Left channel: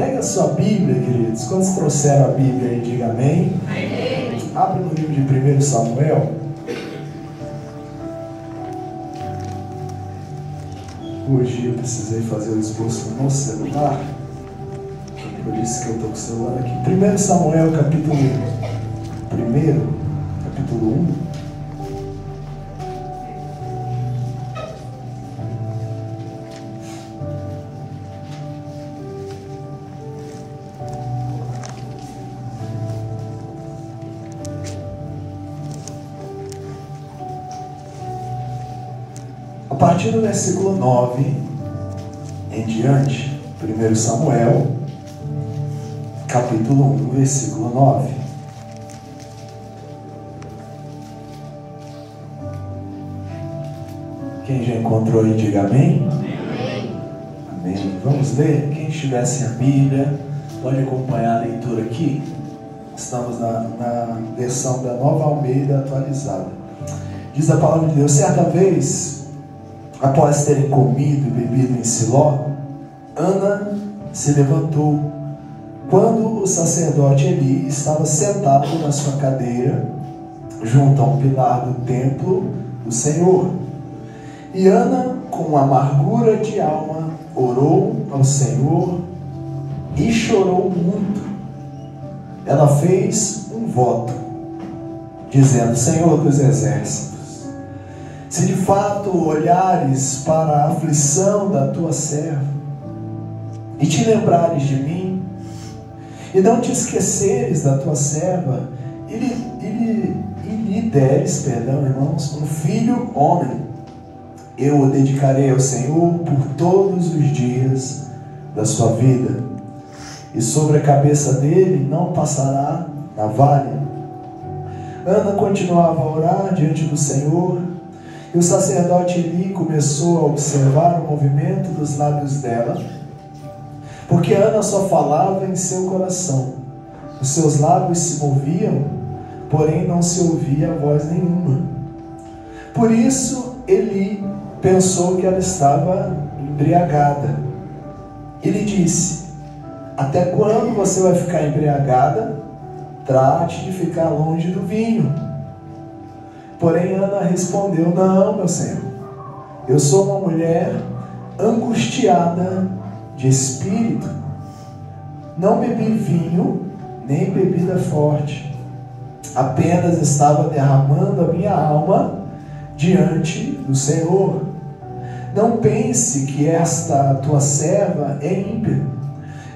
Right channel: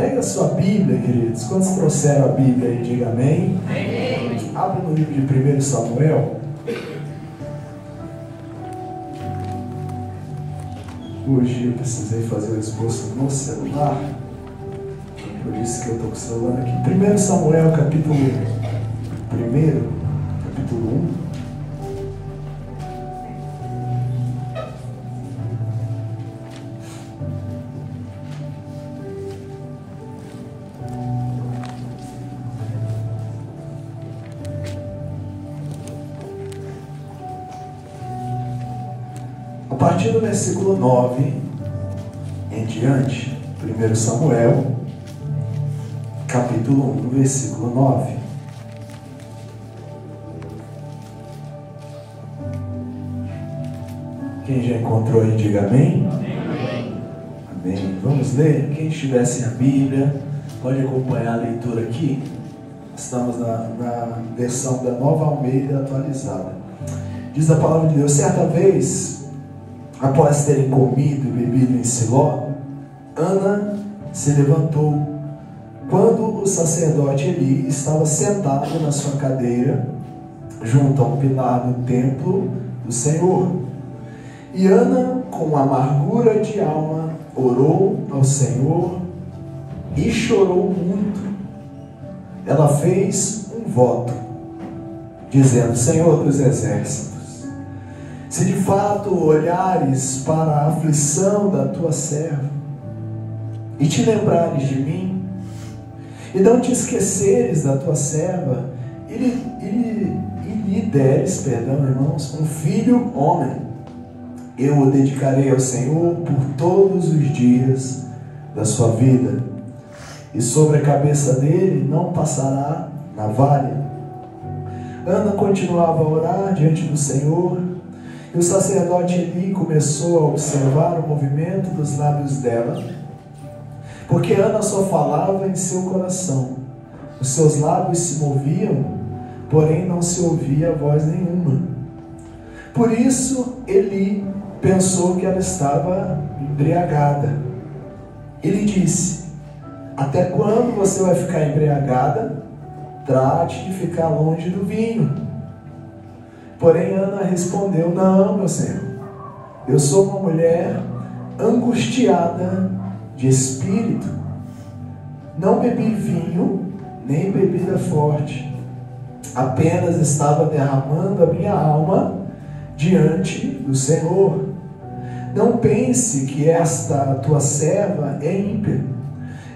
Pega a sua Bíblia, queridos. Quando trouxeram a Bíblia aí, diga amém. Amém. Abre no livro de 1 Samuel. Hoje eu precisei fazer o esboço no celular. Por isso que eu estou com o celular aqui. 1 Samuel, capítulo 1. A partir do versículo 9 em diante, 1 Samuel, capítulo 1, versículo 9. Quem já encontrou aí, diga amém. Amém. Amém. Vamos ler? Quem estiver sem a Bíblia, pode acompanhar a leitura aqui. Estamos na versão da Nova Almeida atualizada. Diz a palavra de Deus: certa vez, após terem comido e bebido em Siló, Ana se levantou, quando o sacerdote Eli estava sentado na sua cadeira, junto ao pilar do templo do Senhor. E Ana, com amargura de alma, orou ao Senhor e chorou muito. Ela fez um voto, dizendo: Senhor dos exércitos, se de fato olhares para a aflição da tua serva, e te lembrares de mim, e não te esqueceres da tua serva, e lhe deres, irmãos, um filho homem, eu o dedicarei ao Senhor por todos os dias da sua vida, e sobre a cabeça dele não passará navalha. Ana continuava a orar diante do Senhor, e o sacerdote Eli começou a observar o movimento dos lábios dela, porque Ana só falava em seu coração. Os seus lábios se moviam, porém não se ouvia voz nenhuma. Por isso Eli pensou que ela estava embriagada. Ele disse: até quando você vai ficar embriagada? Trate de ficar longe do vinho. Porém Ana respondeu: não, meu Senhor, eu sou uma mulher angustiada de espírito, não bebi vinho nem bebida forte, apenas estava derramando a minha alma diante do Senhor. Não pense que esta tua serva é ímpia.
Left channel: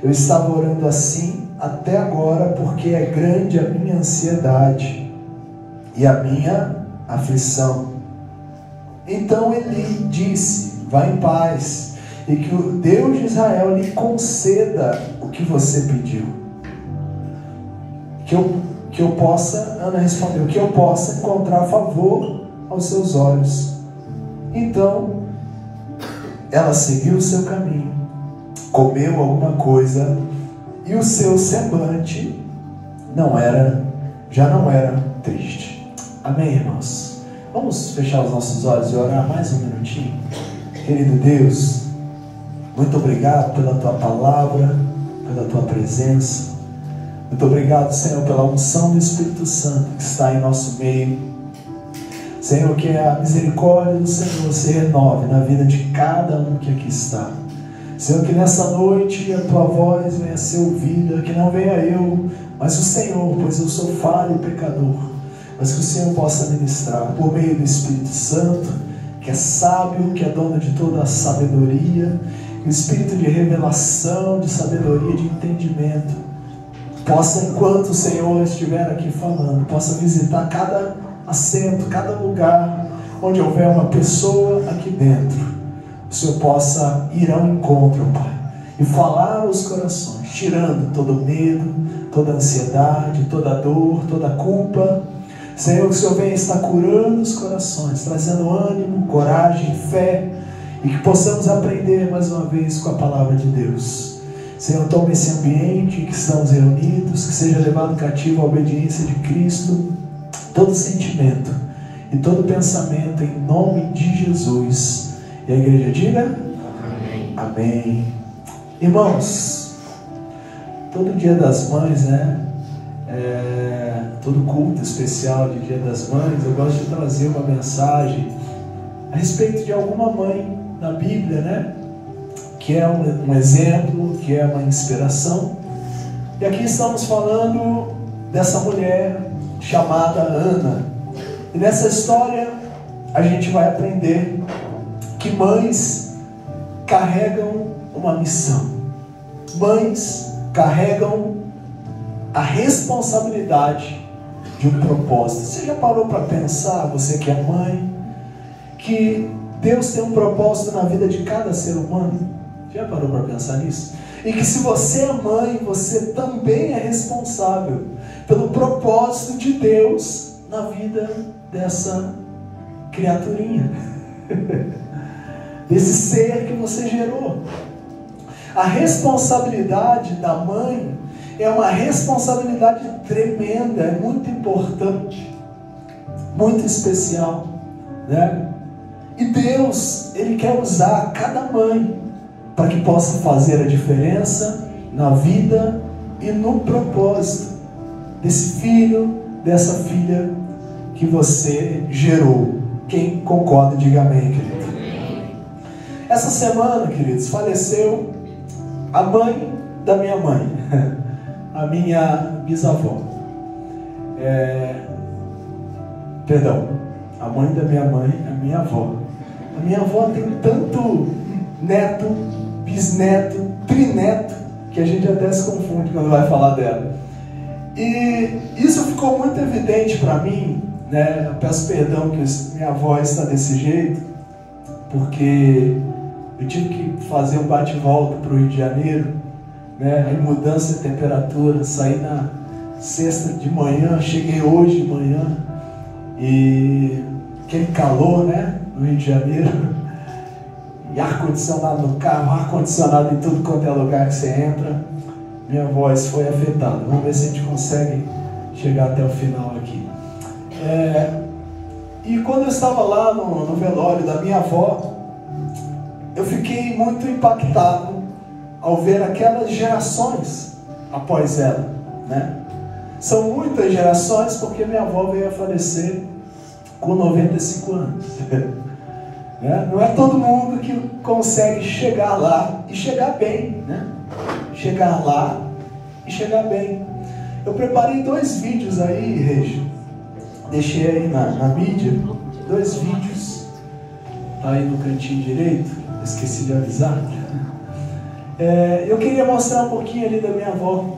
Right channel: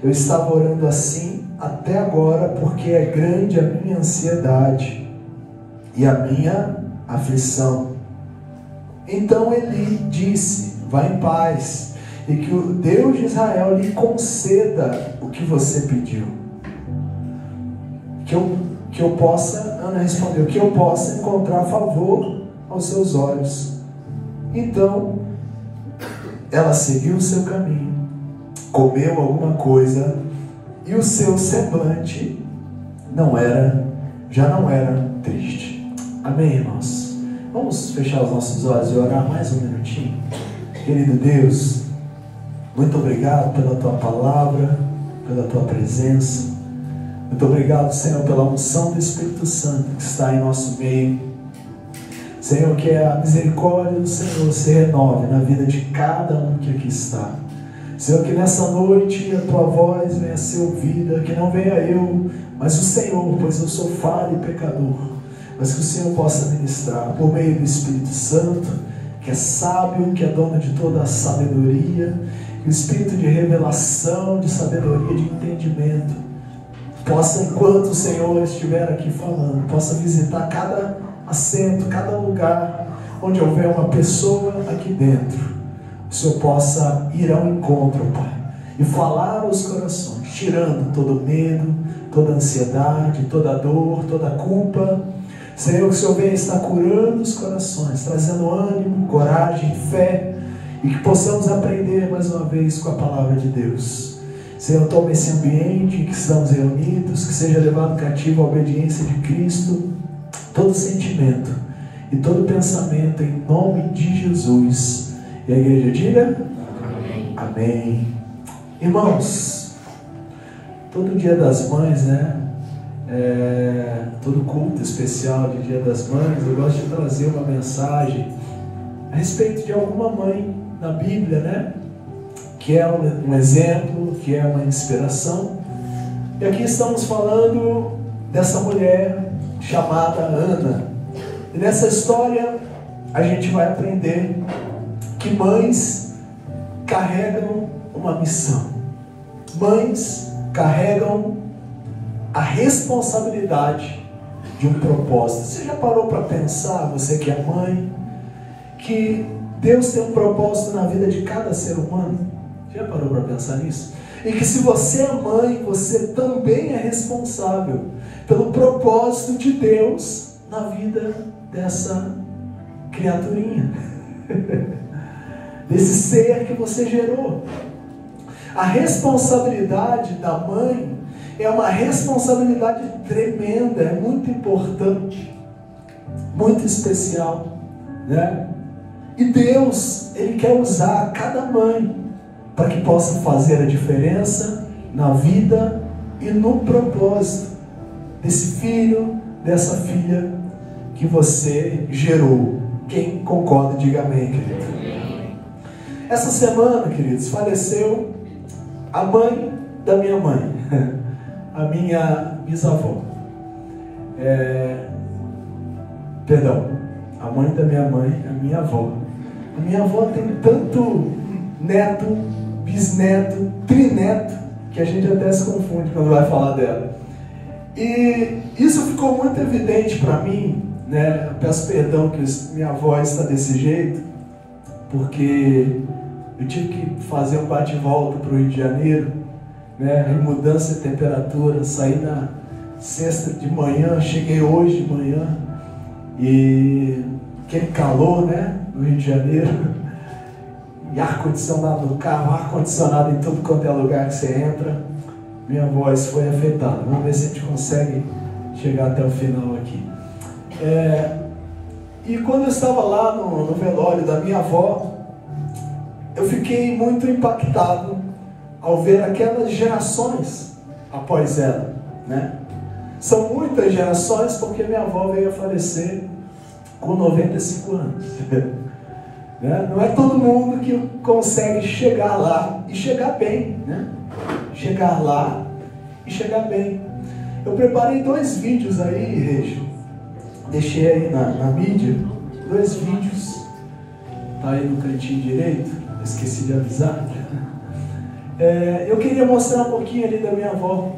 Eu estava orando assim até agora, porque é grande a minha ansiedade e a minha aflição. Então Eli disse: vá em paz, e que o Deus de Israel lhe conceda o que você pediu. Que eu possa, Ana respondeu, que eu possa encontrar favor aos seus olhos. Então ela seguiu o seu caminho, comeu alguma coisa, e o seu semblante já não era triste. Amém, irmãos? Vamos fechar os nossos olhos e orar mais um minutinho. Querido Deus, muito obrigado pela tua palavra, pela tua presença. Muito obrigado, Senhor, pela unção do Espírito Santo que está em nosso meio. Senhor, que a misericórdia do Senhor se renove na vida de cada um que aqui está. Senhor, que nessa noite a tua voz venha a ser ouvida, que não venha eu, mas o Senhor, pois eu sou falho e pecador, mas que o Senhor possa ministrar por meio do Espírito Santo, que é sábio, que é dono de toda a sabedoria, que o Espírito de revelação, de sabedoria, de entendimento, possa, enquanto o Senhor estiver aqui falando, possa visitar cada assento, cada lugar onde houver uma pessoa aqui dentro. O Senhor possa ir ao encontro, Pai, e falar aos corações, tirando todo medo, toda ansiedade, toda dor, toda culpa. Senhor, que o Senhor venha estar curando os corações, trazendo ânimo, coragem, fé, e que possamos aprender mais uma vez com a palavra de Deus. Senhor, toma esse ambiente em que estamos reunidos, que seja levado cativo à obediência de Cristo, todo sentimento e todo pensamento, em nome de Jesus. E a igreja diga: amém. Amém. Irmãos, todo Dia das Mães, né? Todo culto especial de Dia das Mães, eu gosto de trazer uma mensagem a respeito de alguma mãe na Bíblia, né? Que é um exemplo, que é uma inspiração. E aqui estamos falando dessa mulher chamada Ana. E nessa história a gente vai aprender que mães carregam uma missão. Mães carregam a responsabilidade de um propósito. Você já parou para pensar, você que é mãe, que Deus tem um propósito na vida de cada ser humano? Já parou para pensar nisso? E que se você é mãe, você também é responsável pelo propósito de Deus na vida dessa criaturinha, desse ser que você gerou. A responsabilidade da mãe é uma responsabilidade tremenda, é muito importante, muito especial, né? E Deus, Ele quer usar cada mãe para que possa fazer a diferença na vida e no propósito desse filho, dessa filha que você gerou. Quem concorda, diga amém, querido. Essa semana, queridos, faleceu a mãe da minha mãe, a minha bisavó. Perdão, a mãe da minha mãe, a minha avó. A minha avó tem tanto neto, bisneto, trineto, que a gente até se confunde quando vai falar dela. E isso ficou muito evidente para mim, né? Eu peço perdão que minha avó está desse jeito, porque eu tive que fazer um bate-volta para o Rio de Janeiro, né? Em mudança de temperatura, saí na sexta de manhã, cheguei hoje de manhã, e aquele calor, né? No Rio de Janeiro, e ar-condicionado no carro, ar-condicionado em tudo quanto é lugar que você entra. Minha voz foi afetada. Vamos ver se a gente consegue chegar até o final aqui. E quando eu estava lá no velório da minha avó, eu fiquei muito impactado ao ver aquelas gerações após ela, né? São muitas gerações, porque minha avó veio a falecer com 95 anos. Não é todo mundo que consegue chegar lá e chegar bem, né? Chegar lá e chegar bem. Eu preparei 2 vídeos aí, Regi. Deixei aí na mídia 2 vídeos. Tá aí no cantinho direito. Esqueci de avisar. Eu queria mostrar um pouquinho ali da minha avó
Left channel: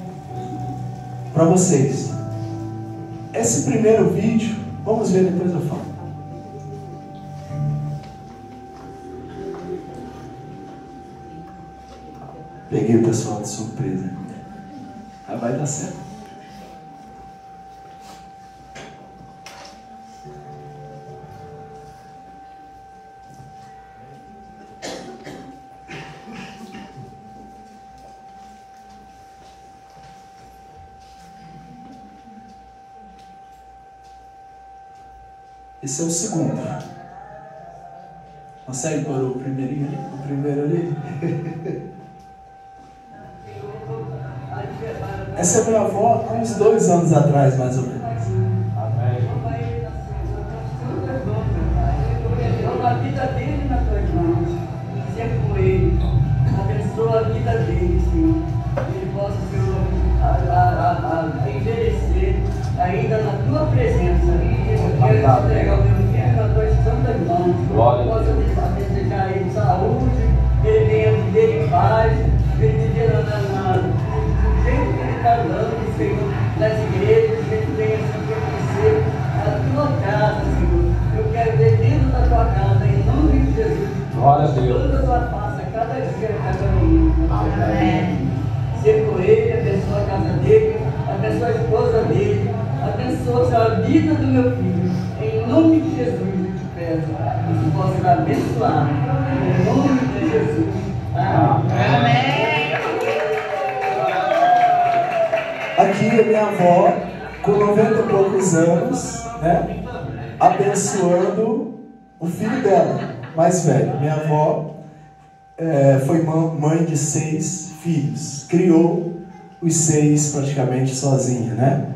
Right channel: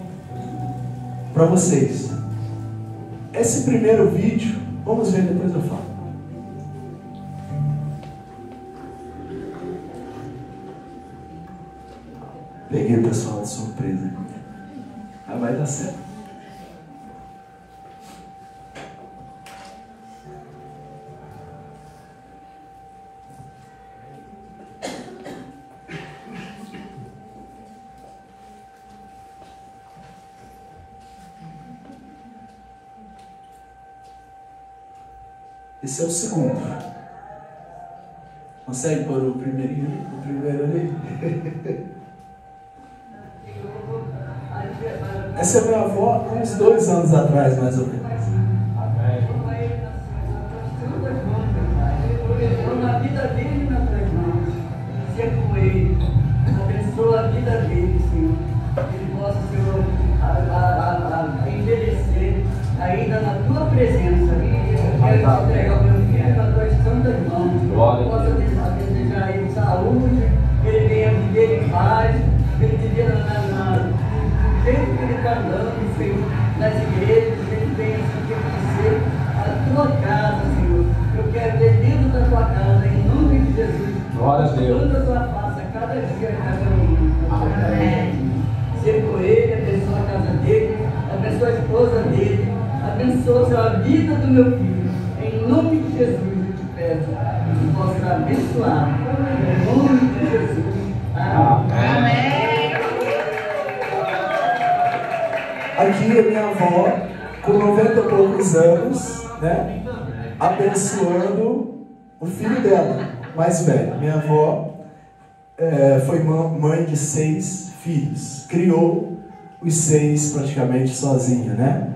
para vocês. Esse primeiro vídeo, vamos ver, depois eu falo. Peguei o pessoal de surpresa. Aí vai dar certo. Esse é o segundo. Consegue pôr o primeirinho ali? O primeiro ali? Essa é minha avó há uns 2 anos atrás, mais ou menos. Amém. A vida dele nas tuas mãos, seja com ele, abençoa a vida dele, Senhor, que ele possa, Senhor, envelhecer ainda na tua presença. Eu quero te entregar o meu filho nas tuas santas mãos. Possa desejar a ele saúde, que ele venha viver em paz, que ele viver sempre que ele está andando, Senhor, nas igrejas, que ele venha sempre conhecer a tua casa, Senhor. Eu quero ver dentro da tua casa, em nome de Jesus. Glória a Deus. Toda a tua face, a cada dia, a cada minuto. Amém. Ser com ele, abençoa a casa dele, abençoa a esposa dele, abençoa, Senhor, a vida do meu filho. Em nome de Jesus, eu te peço que possa abençoar. Em nome de Jesus. Amém. Amém. Aqui a minha avó, com 90 e poucos anos, né, abençoando o filho dela, mais velho. Minha avó foi mãe de 6 filhos, criou os 6 praticamente sozinha, né?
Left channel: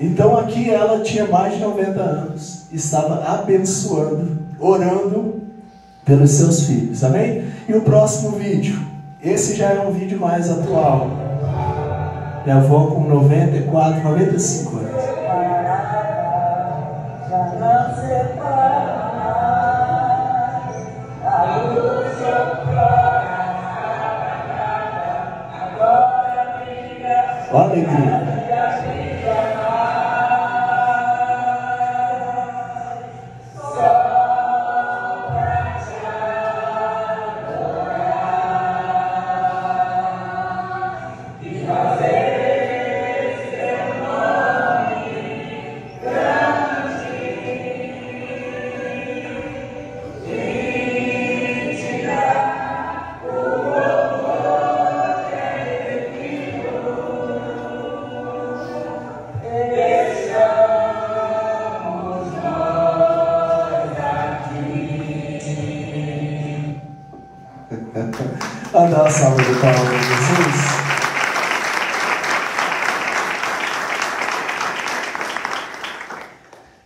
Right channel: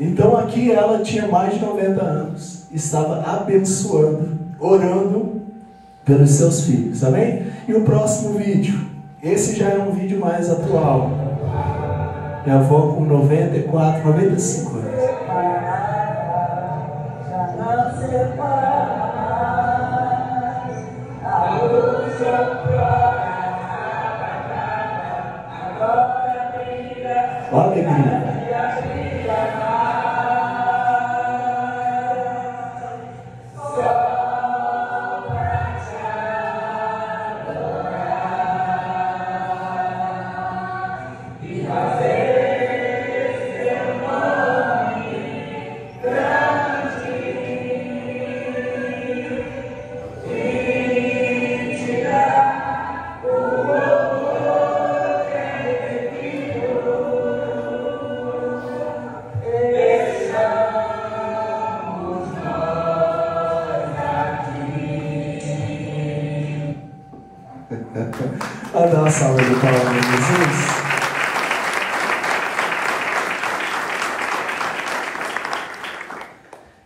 Então aqui ela tinha mais de 90 anos, estava abençoando, orando pelos seus filhos, amém? E o próximo vídeo, esse já é um vídeo mais atual. Minha avó com 94, 95 anos. Olha a alegria. Vamos dar uma salva de palmas para Jesus.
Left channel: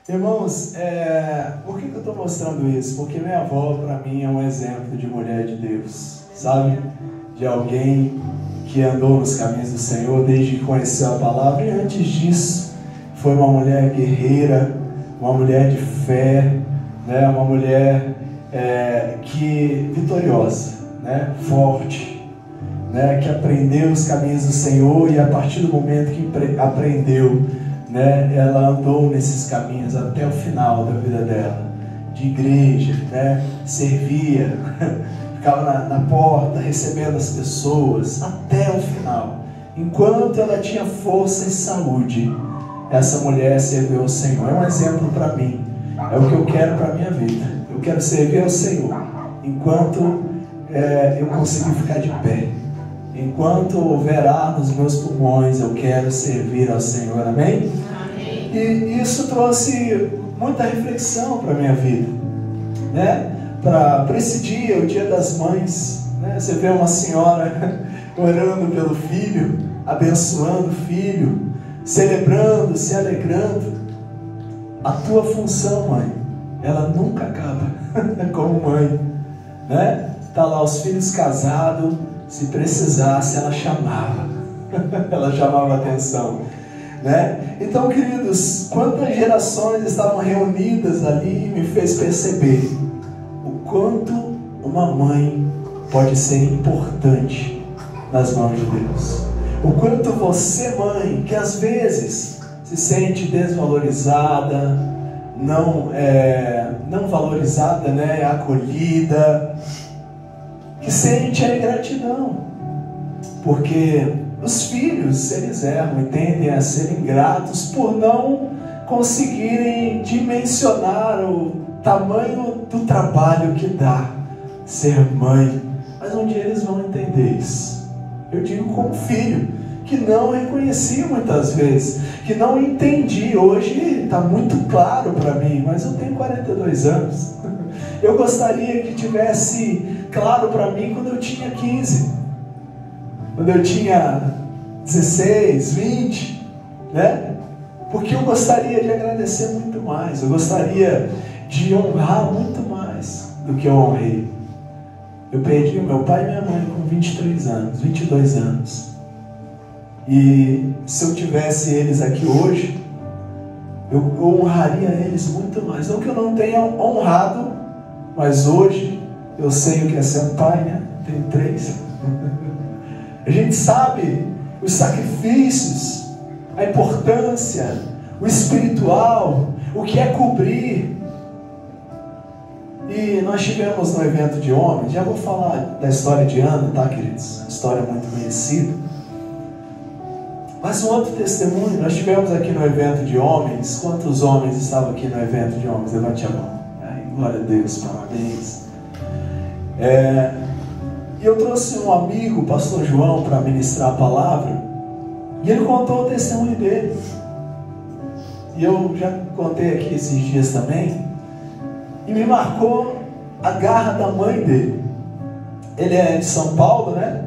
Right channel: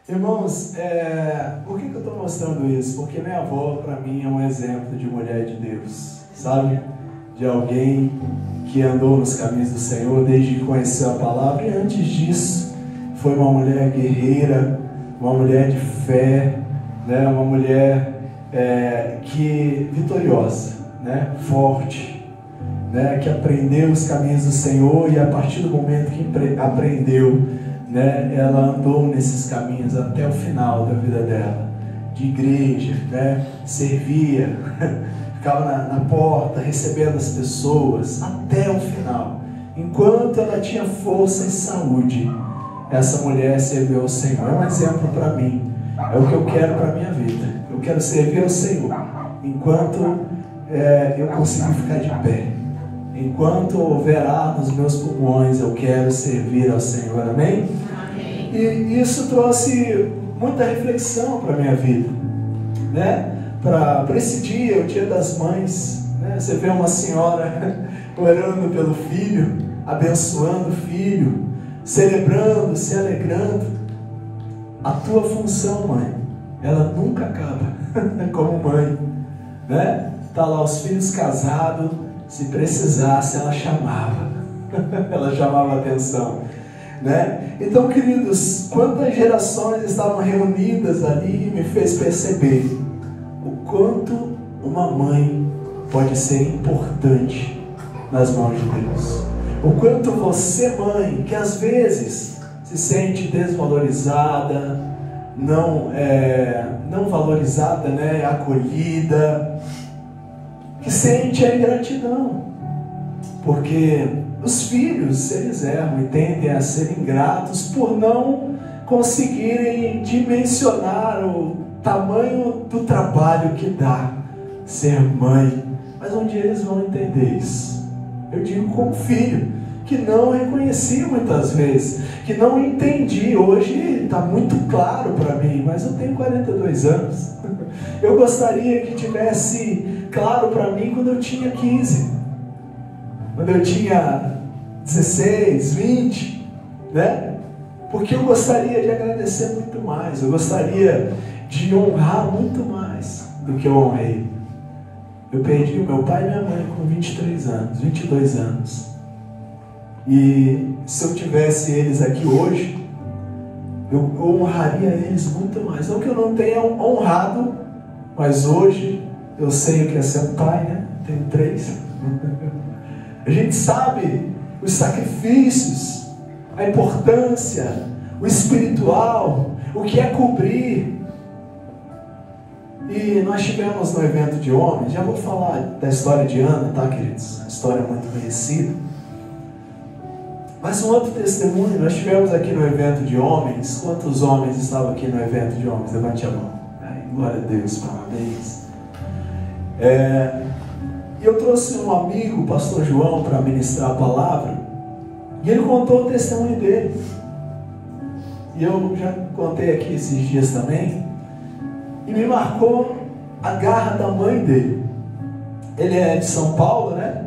Irmãos, por que eu estou mostrando isso? Porque minha avó, para mim, é um exemplo de mulher de Deus, sabe? De alguém que andou nos caminhos do Senhor desde que conheceu a palavra, e antes disso, foi uma mulher guerreira, uma mulher de fé, né? Uma mulher vitoriosa, né? Forte, né? Que aprendeu os caminhos do Senhor, e a partir do momento que aprendeu, né, ela andou nesses caminhos até o final da vida dela, de igreja, né? Servia, ficava na porta recebendo as pessoas até o final. Enquanto ela tinha força e saúde, essa mulher serviu ao Senhor. É um exemplo para mim, é o que eu quero para a minha vida. Eu quero servir ao Senhor enquanto eu conseguir ficar de pé. Enquanto houver ar nos meus pulmões, eu quero servir ao Senhor, amém? E isso trouxe muita reflexão para a minha vida, né? Para esse dia, o Dia das Mães, né? Você vê uma senhora orando pelo filho, abençoando o filho, celebrando, se alegrando. A tua função, mãe, ela nunca acaba como mãe, né? Tá lá os filhos casados, se precisasse, ela chamava, ela chamava atenção, né? Então, queridos, quantas gerações estavam reunidas ali, me fez perceber o quanto uma mãe pode ser importante nas mãos de Deus. O quanto você, mãe, que às vezes se sente desvalorizada, não valorizada, né? Acolhida, que sente a ingratidão, porque os filhos, eles erram e tendem a ser ingratos por não conseguirem dimensionar o tamanho do trabalho que dá ser mãe. Mas um dia eles vão entender isso. Eu digo como filho, que não reconheci muitas vezes, que não entendi. Hoje está muito claro para mim, mas eu tenho 42 anos. Eu gostaria que tivesse claro para mim quando eu tinha 15, quando eu tinha 16, 20, né? Porque eu gostaria de agradecer muito mais, eu gostaria de honrar muito mais do que eu honrei. Eu perdi o meu pai e minha mãe com 23 anos, 22 anos. E se eu tivesse eles aqui hoje, eu honraria eles muito mais. Não que eu não tenha honrado, mas hoje eu sei o que é ser um pai, né? Tenho 3. A gente sabe os sacrifícios, a importância, o espiritual, o que é cobrir. E nós tivemos no evento de homens, já vou falar da história de Ana, tá, queridos? Uma história muito conhecida. Mas um outro testemunho, nós tivemos aqui no evento de homens. Quantos homens estavam aqui no evento de homens? Levante a mão. Ai, glória a Deus, parabéns. E eu trouxe um amigo, o pastor João, para ministrar a palavra. E ele contou o testemunho dele. E eu já contei aqui esses dias também. E me marcou a garra da mãe dele. Ele é de São Paulo, né?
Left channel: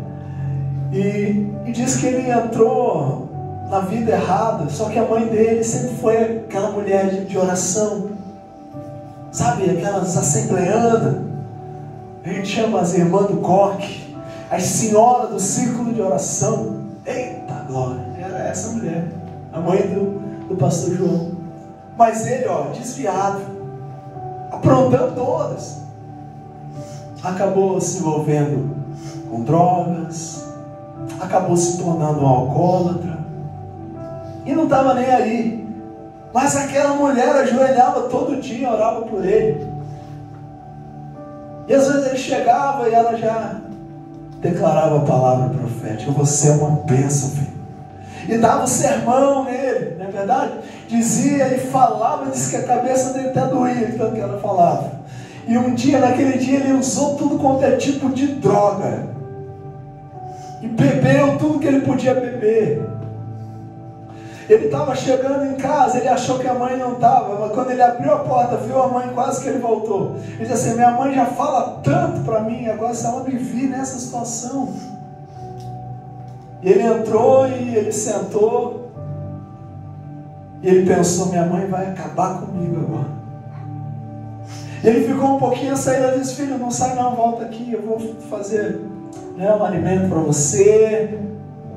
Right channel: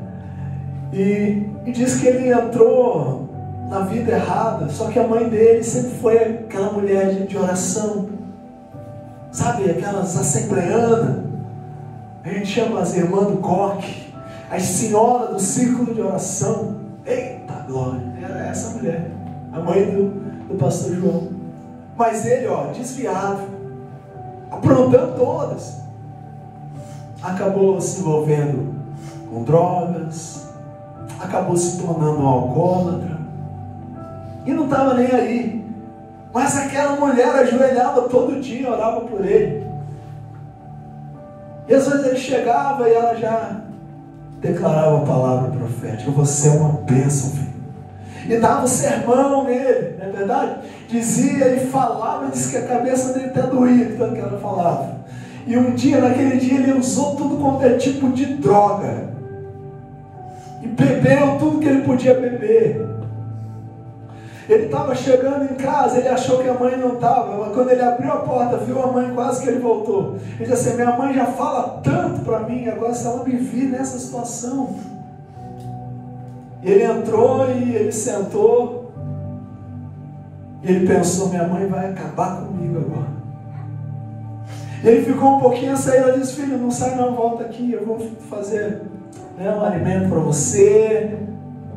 E diz que ele entrou na vida errada, só que a mãe dele sempre foi aquela mulher de oração, sabe, aquelas assembleanas, a gente chama as irmãs do coque, as senhoras do círculo de oração. Eita glória, era essa mulher, a mãe do pastor João. Mas ele, desviado, aprontando todas, acabou se envolvendo com drogas, acabou se tornando um alcoólatra, e não estava nem aí. Mas aquela mulher ajoelhava todo dia, orava por ele. E às vezes ele chegava e ela já declarava a palavra profética: você é uma bênção, filho. E dava o sermão nele, não é verdade? Dizia e falava, disse que a cabeça dele até doía de tanto que ela falava. E naquele dia, ele usou tudo quanto é tipo de droga. E bebeu tudo que ele podia beber. Ele estava chegando em casa, ele achou que a mãe não estava, mas quando ele abriu a porta, viu a mãe, quase que ele voltou. Ele disse assim: minha mãe já fala tanto para mim, agora se ela me vir nessa situação. Ele entrou e ele sentou, e ele pensou: minha mãe vai acabar comigo agora. Ele ficou um pouquinho, saiu, ela disse: filho, não sai não, volta aqui, eu vou fazer um alimento para você.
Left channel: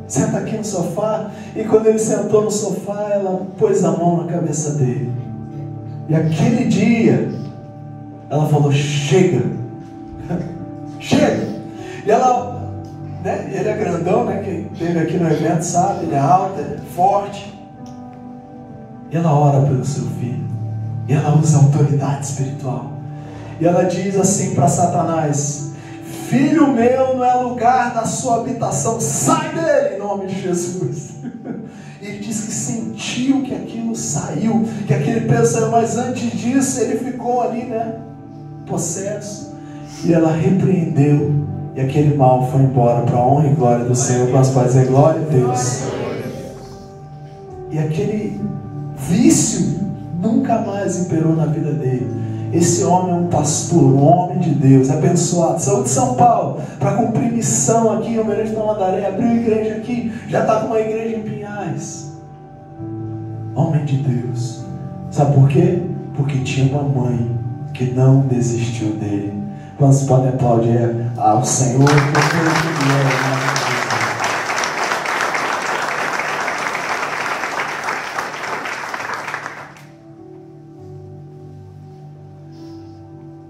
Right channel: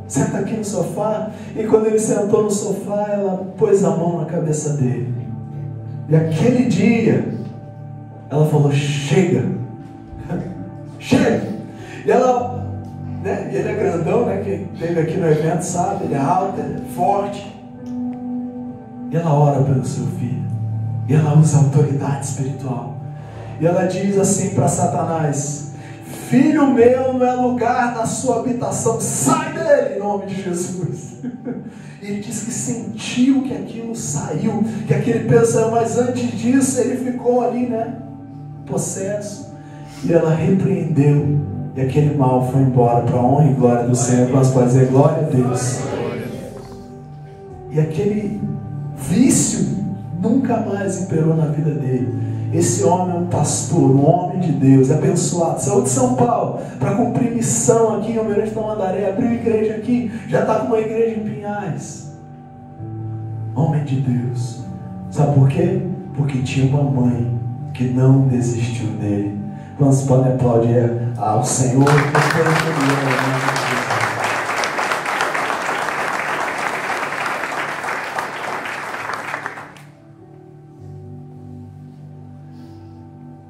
Senta aqui no sofá. E quando ele sentou no sofá, ela pôs a mão na cabeça dele. E aquele dia, ela falou: chega, chega. E ela, ele é grandão, quem esteve aqui no evento sabe, ele é alto, ele é forte. E ela ora pelo seu filho, e ela usa autoridade espiritual, e ela diz assim para Satanás: filho meu, não é lugar da sua habitação, sai dele em nome de Jesus. E ele diz que sentiu que aquilo saiu, que aquele peso saiu, mas antes disso ele ficou ali, possesso. E ela repreendeu, e aquele mal foi embora, para a honra e glória do Senhor. Posso fazer glória a Deus. E aquele vício nunca mais imperou na vida dele. Esse homem é um pastor, um homem de Deus, abençoado, saiu de São Paulo para cumprir missão aqui em Almirante Tamandaré, abriu igreja aqui, já estava uma igreja em Pinhais. Homem de Deus. Sabe por quê? Porque tinha uma mãe que não desistiu dele. Nós podemos aplaudir ao Senhor por ele é.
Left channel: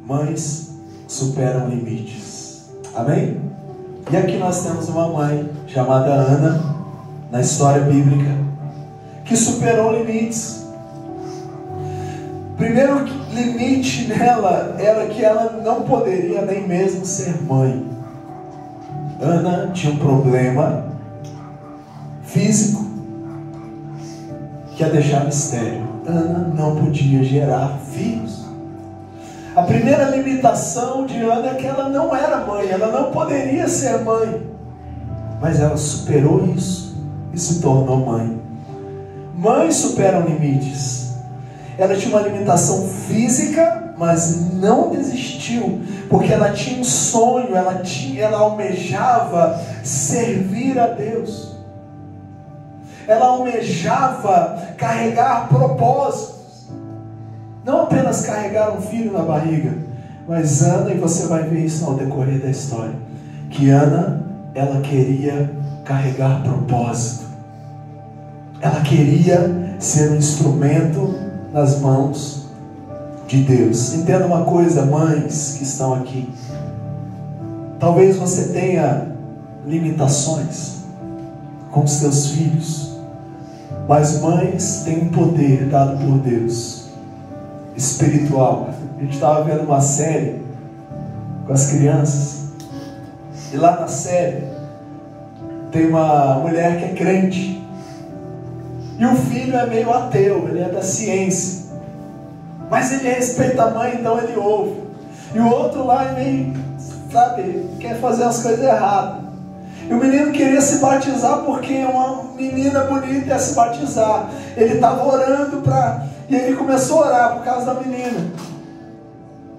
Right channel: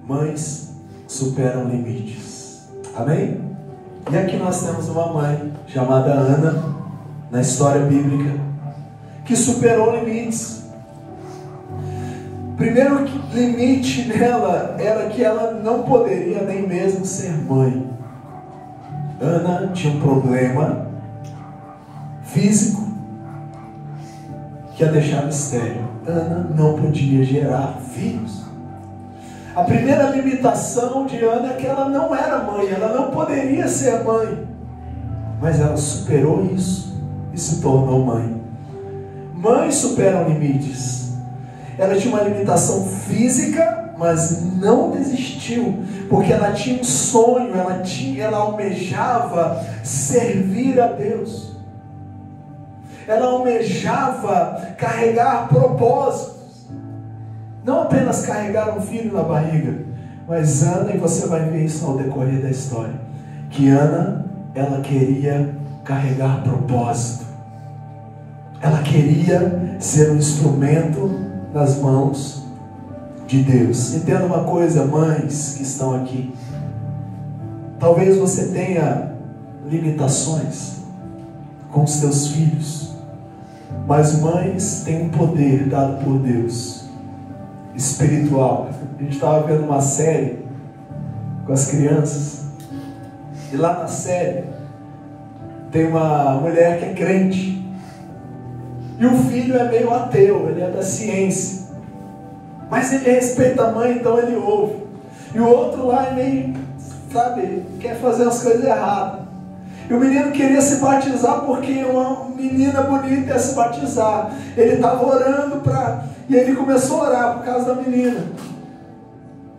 Mães superam limites. Amém? E aqui nós temos uma mãe chamada Ana, na história bíblica, que superou limites. O primeiro limite nela era que ela não poderia nem mesmo ser mãe. Ana tinha um problema físico que a deixava estéril. Ana não podia gerar filhos. A primeira limitação de Ana é que ela não era mãe, ela não poderia ser mãe. Mas ela superou isso e se tornou mãe. Mães superam limites. Ela tinha uma limitação física, mas não desistiu, porque ela tinha um sonho, ela almejava servir a Deus. Ela almejava carregar propósitos. Não apenas carregar um filho na barriga, mas Ana, e você vai ver isso ao decorrer da história, que Ana, ela queria carregar propósito. Ela queria ser um instrumento nas mãos de Deus. Entenda uma coisa, mães que estão aqui. Talvez você tenha limitações com os seus filhos, mas mães têm um poder dado por Deus, espiritual. A gente estava vendo uma série com as crianças, e lá na série tem uma mulher que é crente, e o filho é meio ateu, ele é da ciência, mas ele respeita a mãe, então ele ouve. E o outro lá é meio, quer fazer as coisas erradas. E o menino queria se batizar porque uma menina bonita ia se batizar. Ele estava orando e ele começou a orar por causa da menina.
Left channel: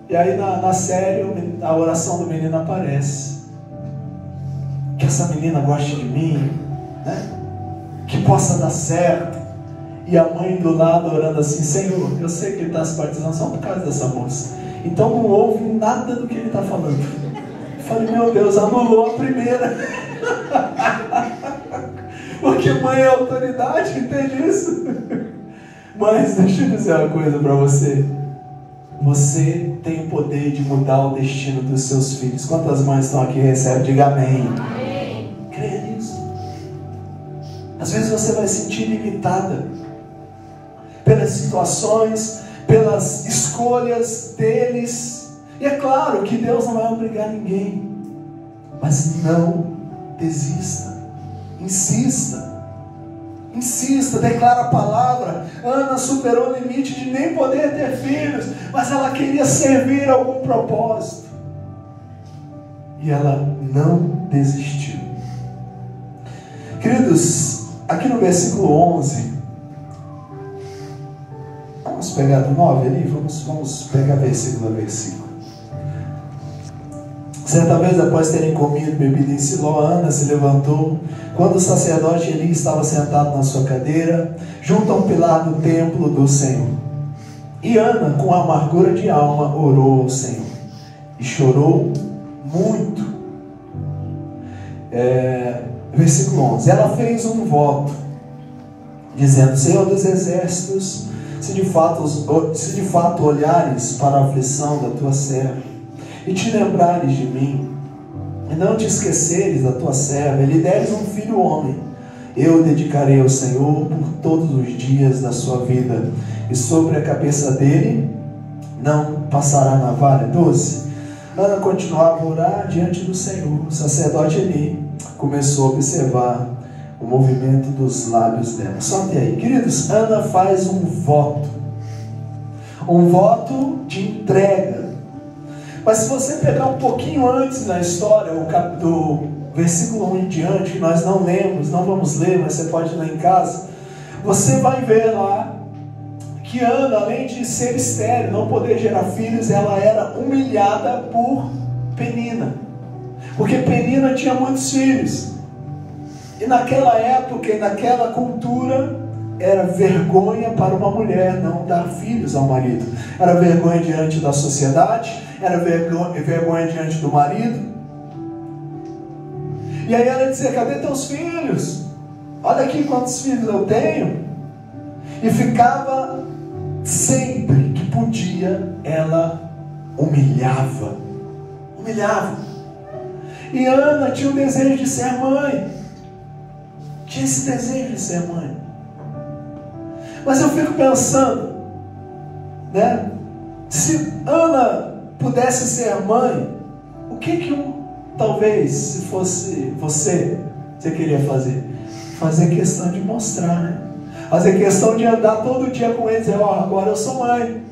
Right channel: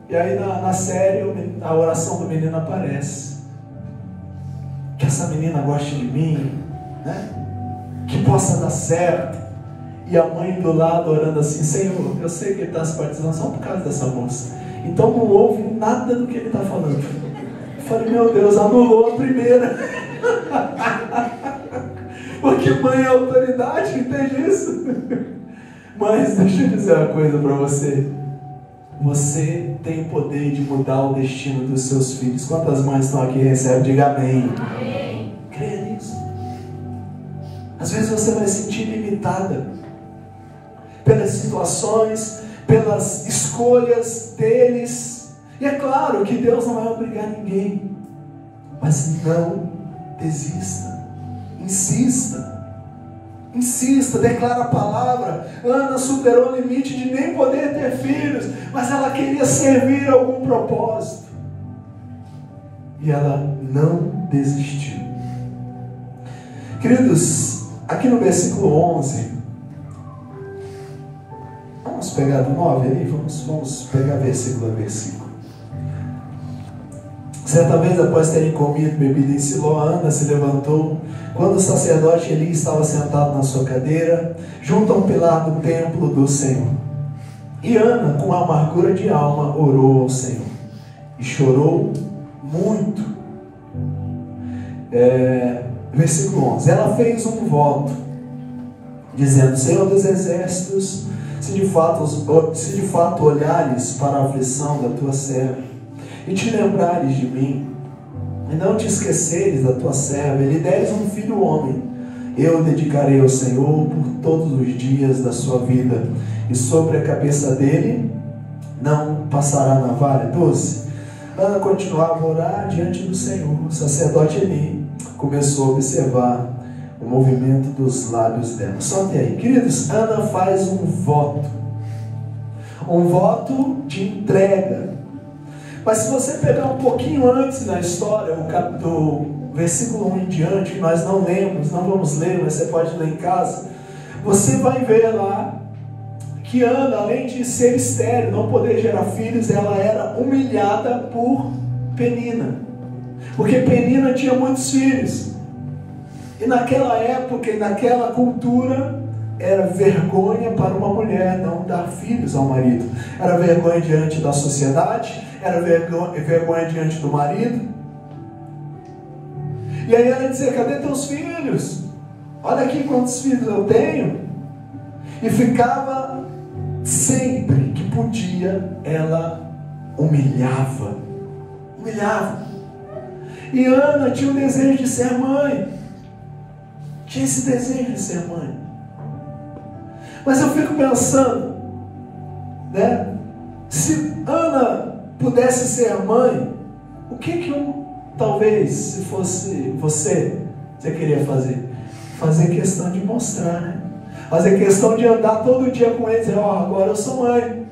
E aí na série a oração do menino aparece. que essa menina goste de mim, né? Que possa dar certo. E a mãe do lado orando assim: Senhor, eu sei que ele está se batizando só por causa dessa moça, então não ouve nada do que ele está falando. Eu falei: meu Deus, anulou a primeira. Porque mãe é autoridade, entende isso? Mas deixa eu dizer uma coisa para você. Você tem o poder de mudar o destino dos seus filhos. Quantas mães estão aqui e recebem? Diga amém. Amém. Creia nisso. Às vezes você vai se sentir limitada pelas situações, pelas escolhas deles. E é claro que Deus não vai obrigar ninguém. Mas não desista. Insista. Insista, declara a palavra. Ana superou o limite de nem poder ter filhos, mas ela queria servir a algum propósito. E ela não desistiu. Queridos, aqui no versículo 11, vamos pegar do 9 ali, vamos pegar versículo a versículo. Certa vez, após terem comido e bebido em Siló, Ana se levantou, quando o sacerdote Eli estava sentado na sua cadeira, junto a um pilar do templo do Senhor. E Ana, com amargura de alma, orou ao Senhor, e chorou muito. Versículo 11, ela fez um voto, dizendo: Senhor dos exércitos, se de fato olhares para a aflição da tua serva, e te lembrares de mim, e não te esqueceres da tua serva, e lhe deres um filho homem, eu o dedicarei ao Senhor por todos os dias da sua vida, e sobre a cabeça dele não passará navalha. 12. Ana continuava a orar diante do Senhor. O sacerdote Eli começou a observar o movimento dos lábios dela. Solte aí, queridos. Ana faz um voto de entrega. Mas se você pegar um pouquinho antes na história, do versículo 1 em diante, que nós não lemos, não vamos ler, mas você pode ler em casa, você vai ver lá que Ana, além de ser estéril, não poder gerar filhos, ela era humilhada por Penina, porque Penina tinha muitos filhos, e naquela época e naquela cultura era vergonha para uma mulher não dar filhos ao marido, era vergonha diante da sociedade, era vergonha diante do marido. E aí ela dizia: cadê teus filhos? Olha aqui quantos filhos eu tenho. E ficava, sempre que podia, ela humilhava. E Ana tinha um desejo de ser mãe. Tinha esse desejo de ser mãe. Mas eu fico pensando, né? Se Ana pudesse ser mãe, o que talvez, se fosse você queria fazer? Fazer questão de mostrar, né? Fazer questão de andar todo dia com eles, agora eu sou mãe.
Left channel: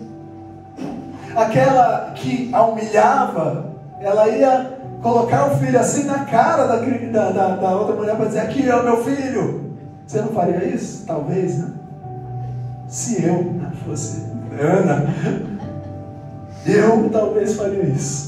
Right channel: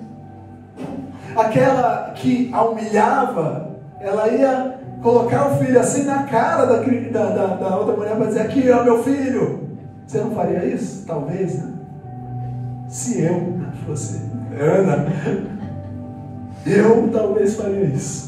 Aquela que a humilhava, ela ia colocar o filho assim na cara da outra mulher para dizer: aqui é o meu filho. Você não faria isso? Talvez, né? Se eu fosse Ana, eu talvez faria isso.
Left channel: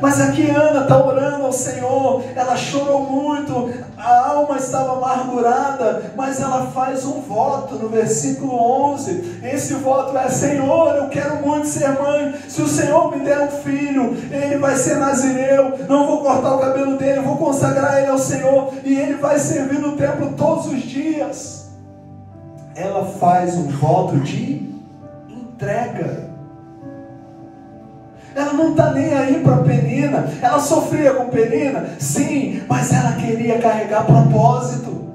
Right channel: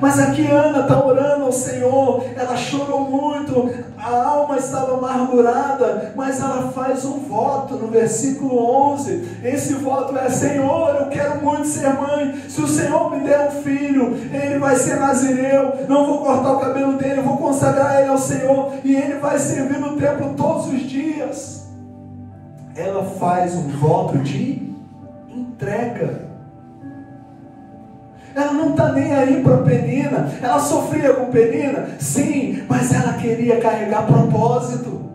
Mas aqui Ana está orando ao Senhor, ela chorou muito, a alma estava amargurada, mas ela faz um voto no versículo 11. Esse voto é: Senhor, eu quero muito ser mãe, se o Senhor me der um filho, ele vai ser nazireu, não vou cortar o cabelo dele, eu vou consagrar ele ao Senhor, e ele vai servir no templo todos os dias. Ela faz um voto de entrega. Ela não está nem aí para Penina. Ela sofria com Penina? Sim, mas ela queria carregar propósito.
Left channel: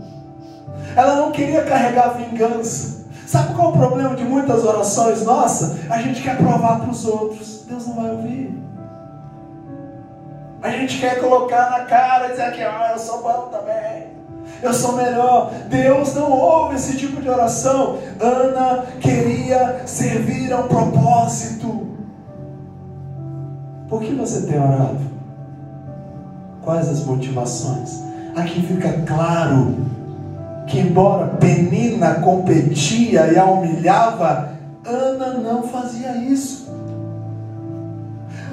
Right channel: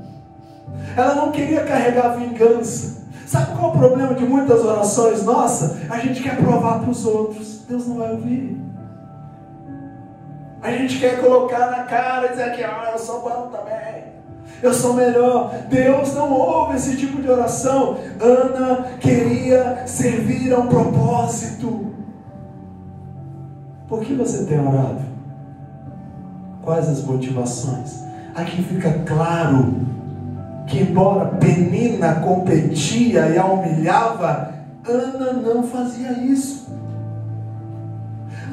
Ela não queria carregar vingança. Sabe qual é o problema de muitas orações nossas? A gente quer provar para os outros. Deus não vai ouvir. A gente quer colocar na cara e dizer aqui: eu sou bom também, eu sou melhor. Deus não ouve esse tipo de oração. Ana queria servir a um propósito. Por que você tem orado? Quais as motivações? Aqui fica claro que, embora Penina competia e a humilhava, Ana não fazia isso.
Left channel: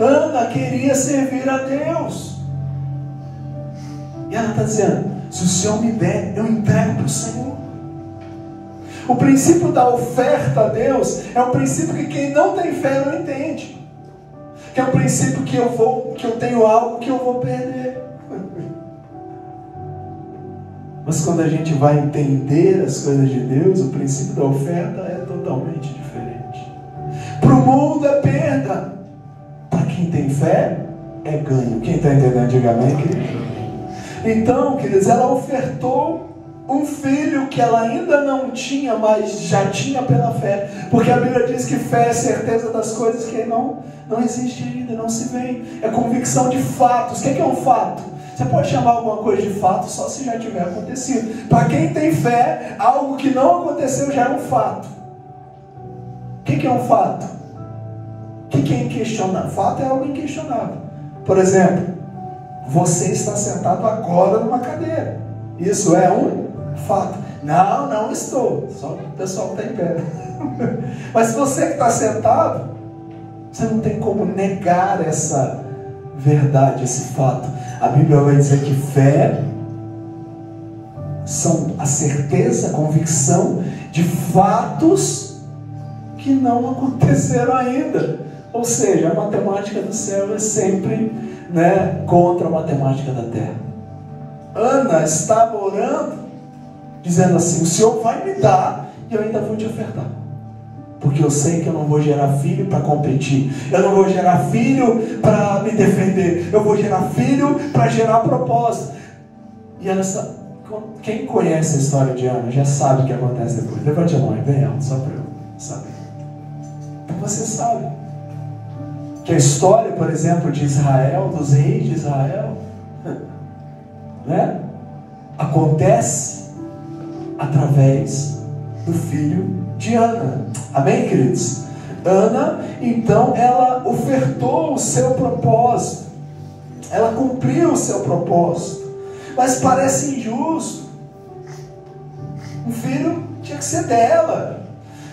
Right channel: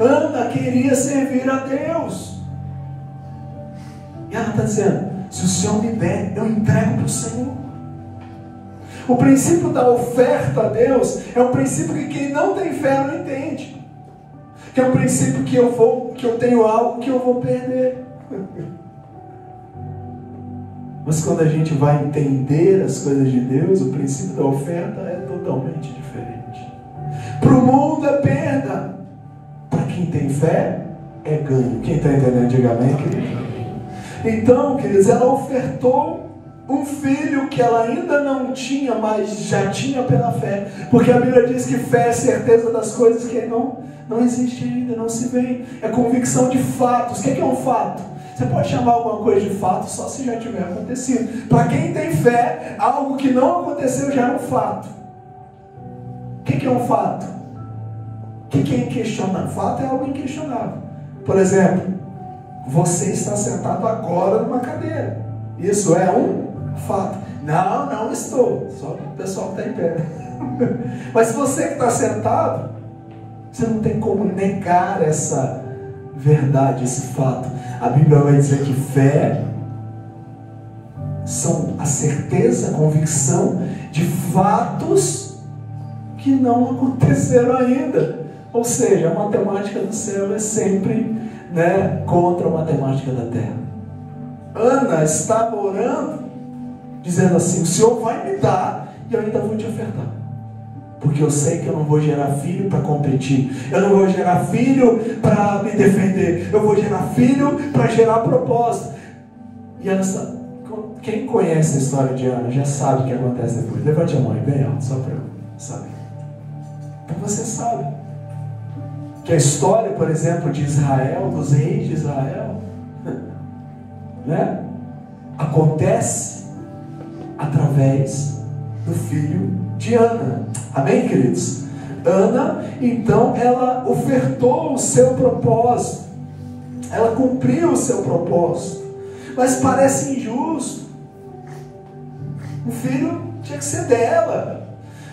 Ana queria servir a Deus. ela está dizendo: se o Senhor me der, eu entrego para o Senhor. O princípio da oferta a Deus é um princípio que quem não tem fé não entende. Que é um princípio que eu tenho algo que eu vou perder. Mas quando a gente vai entender as coisas de Deus, o princípio da oferta é totalmente diferente. Para o mundo é perda. Para quem tem fé, é ganho. Quem está entendendo, diga amém, querido. Então, queridos, ela ofertou um filho que ela ainda não tinha, mas já tinha pela fé. Porque a Bíblia diz que fé é certeza das coisas que não existe ainda, não se vê. É convicção de fatos. O que é um fato? Você pode chamar alguma coisa de fato só se já tiver acontecido. Para quem tem fé, algo que não aconteceu já é um fato. O que é um fato? O que é inquestionável? Fato é algo inquestionável. Por exemplo, você está sentado agora numa cadeira. Isso é um fato. Não estou. Só o pessoal que está em pé. Mas você que está sentado, você não tem como negar essa verdade, esse fato. A Bíblia vai dizer que fé são a certeza, a convicção de fatos que não aconteceram ainda. Ou seja, a matemática do céu é sempre, contra a matemática da terra. Ana estava orando, dizendo assim: o Senhor vai me dar e eu ainda vou te ofertar. Porque eu sei que eu não vou gerar filho para competir. Eu não vou gerar filho para me defender. Eu vou gerar filho para gerar propósito. E Ana, quem conhece a história de Ana já sabe o que acontece depois. Levante a mão e bem alto, só para eu saber. Então você sabe que a história, por exemplo, de Israel, dos reis de Israel, acontece através do filho de Ana. Amém, queridos? Ana, então, ela ofertou o seu propósito. Ela cumpriu o seu propósito. Mas parece injusto. O filho tinha que ser dela.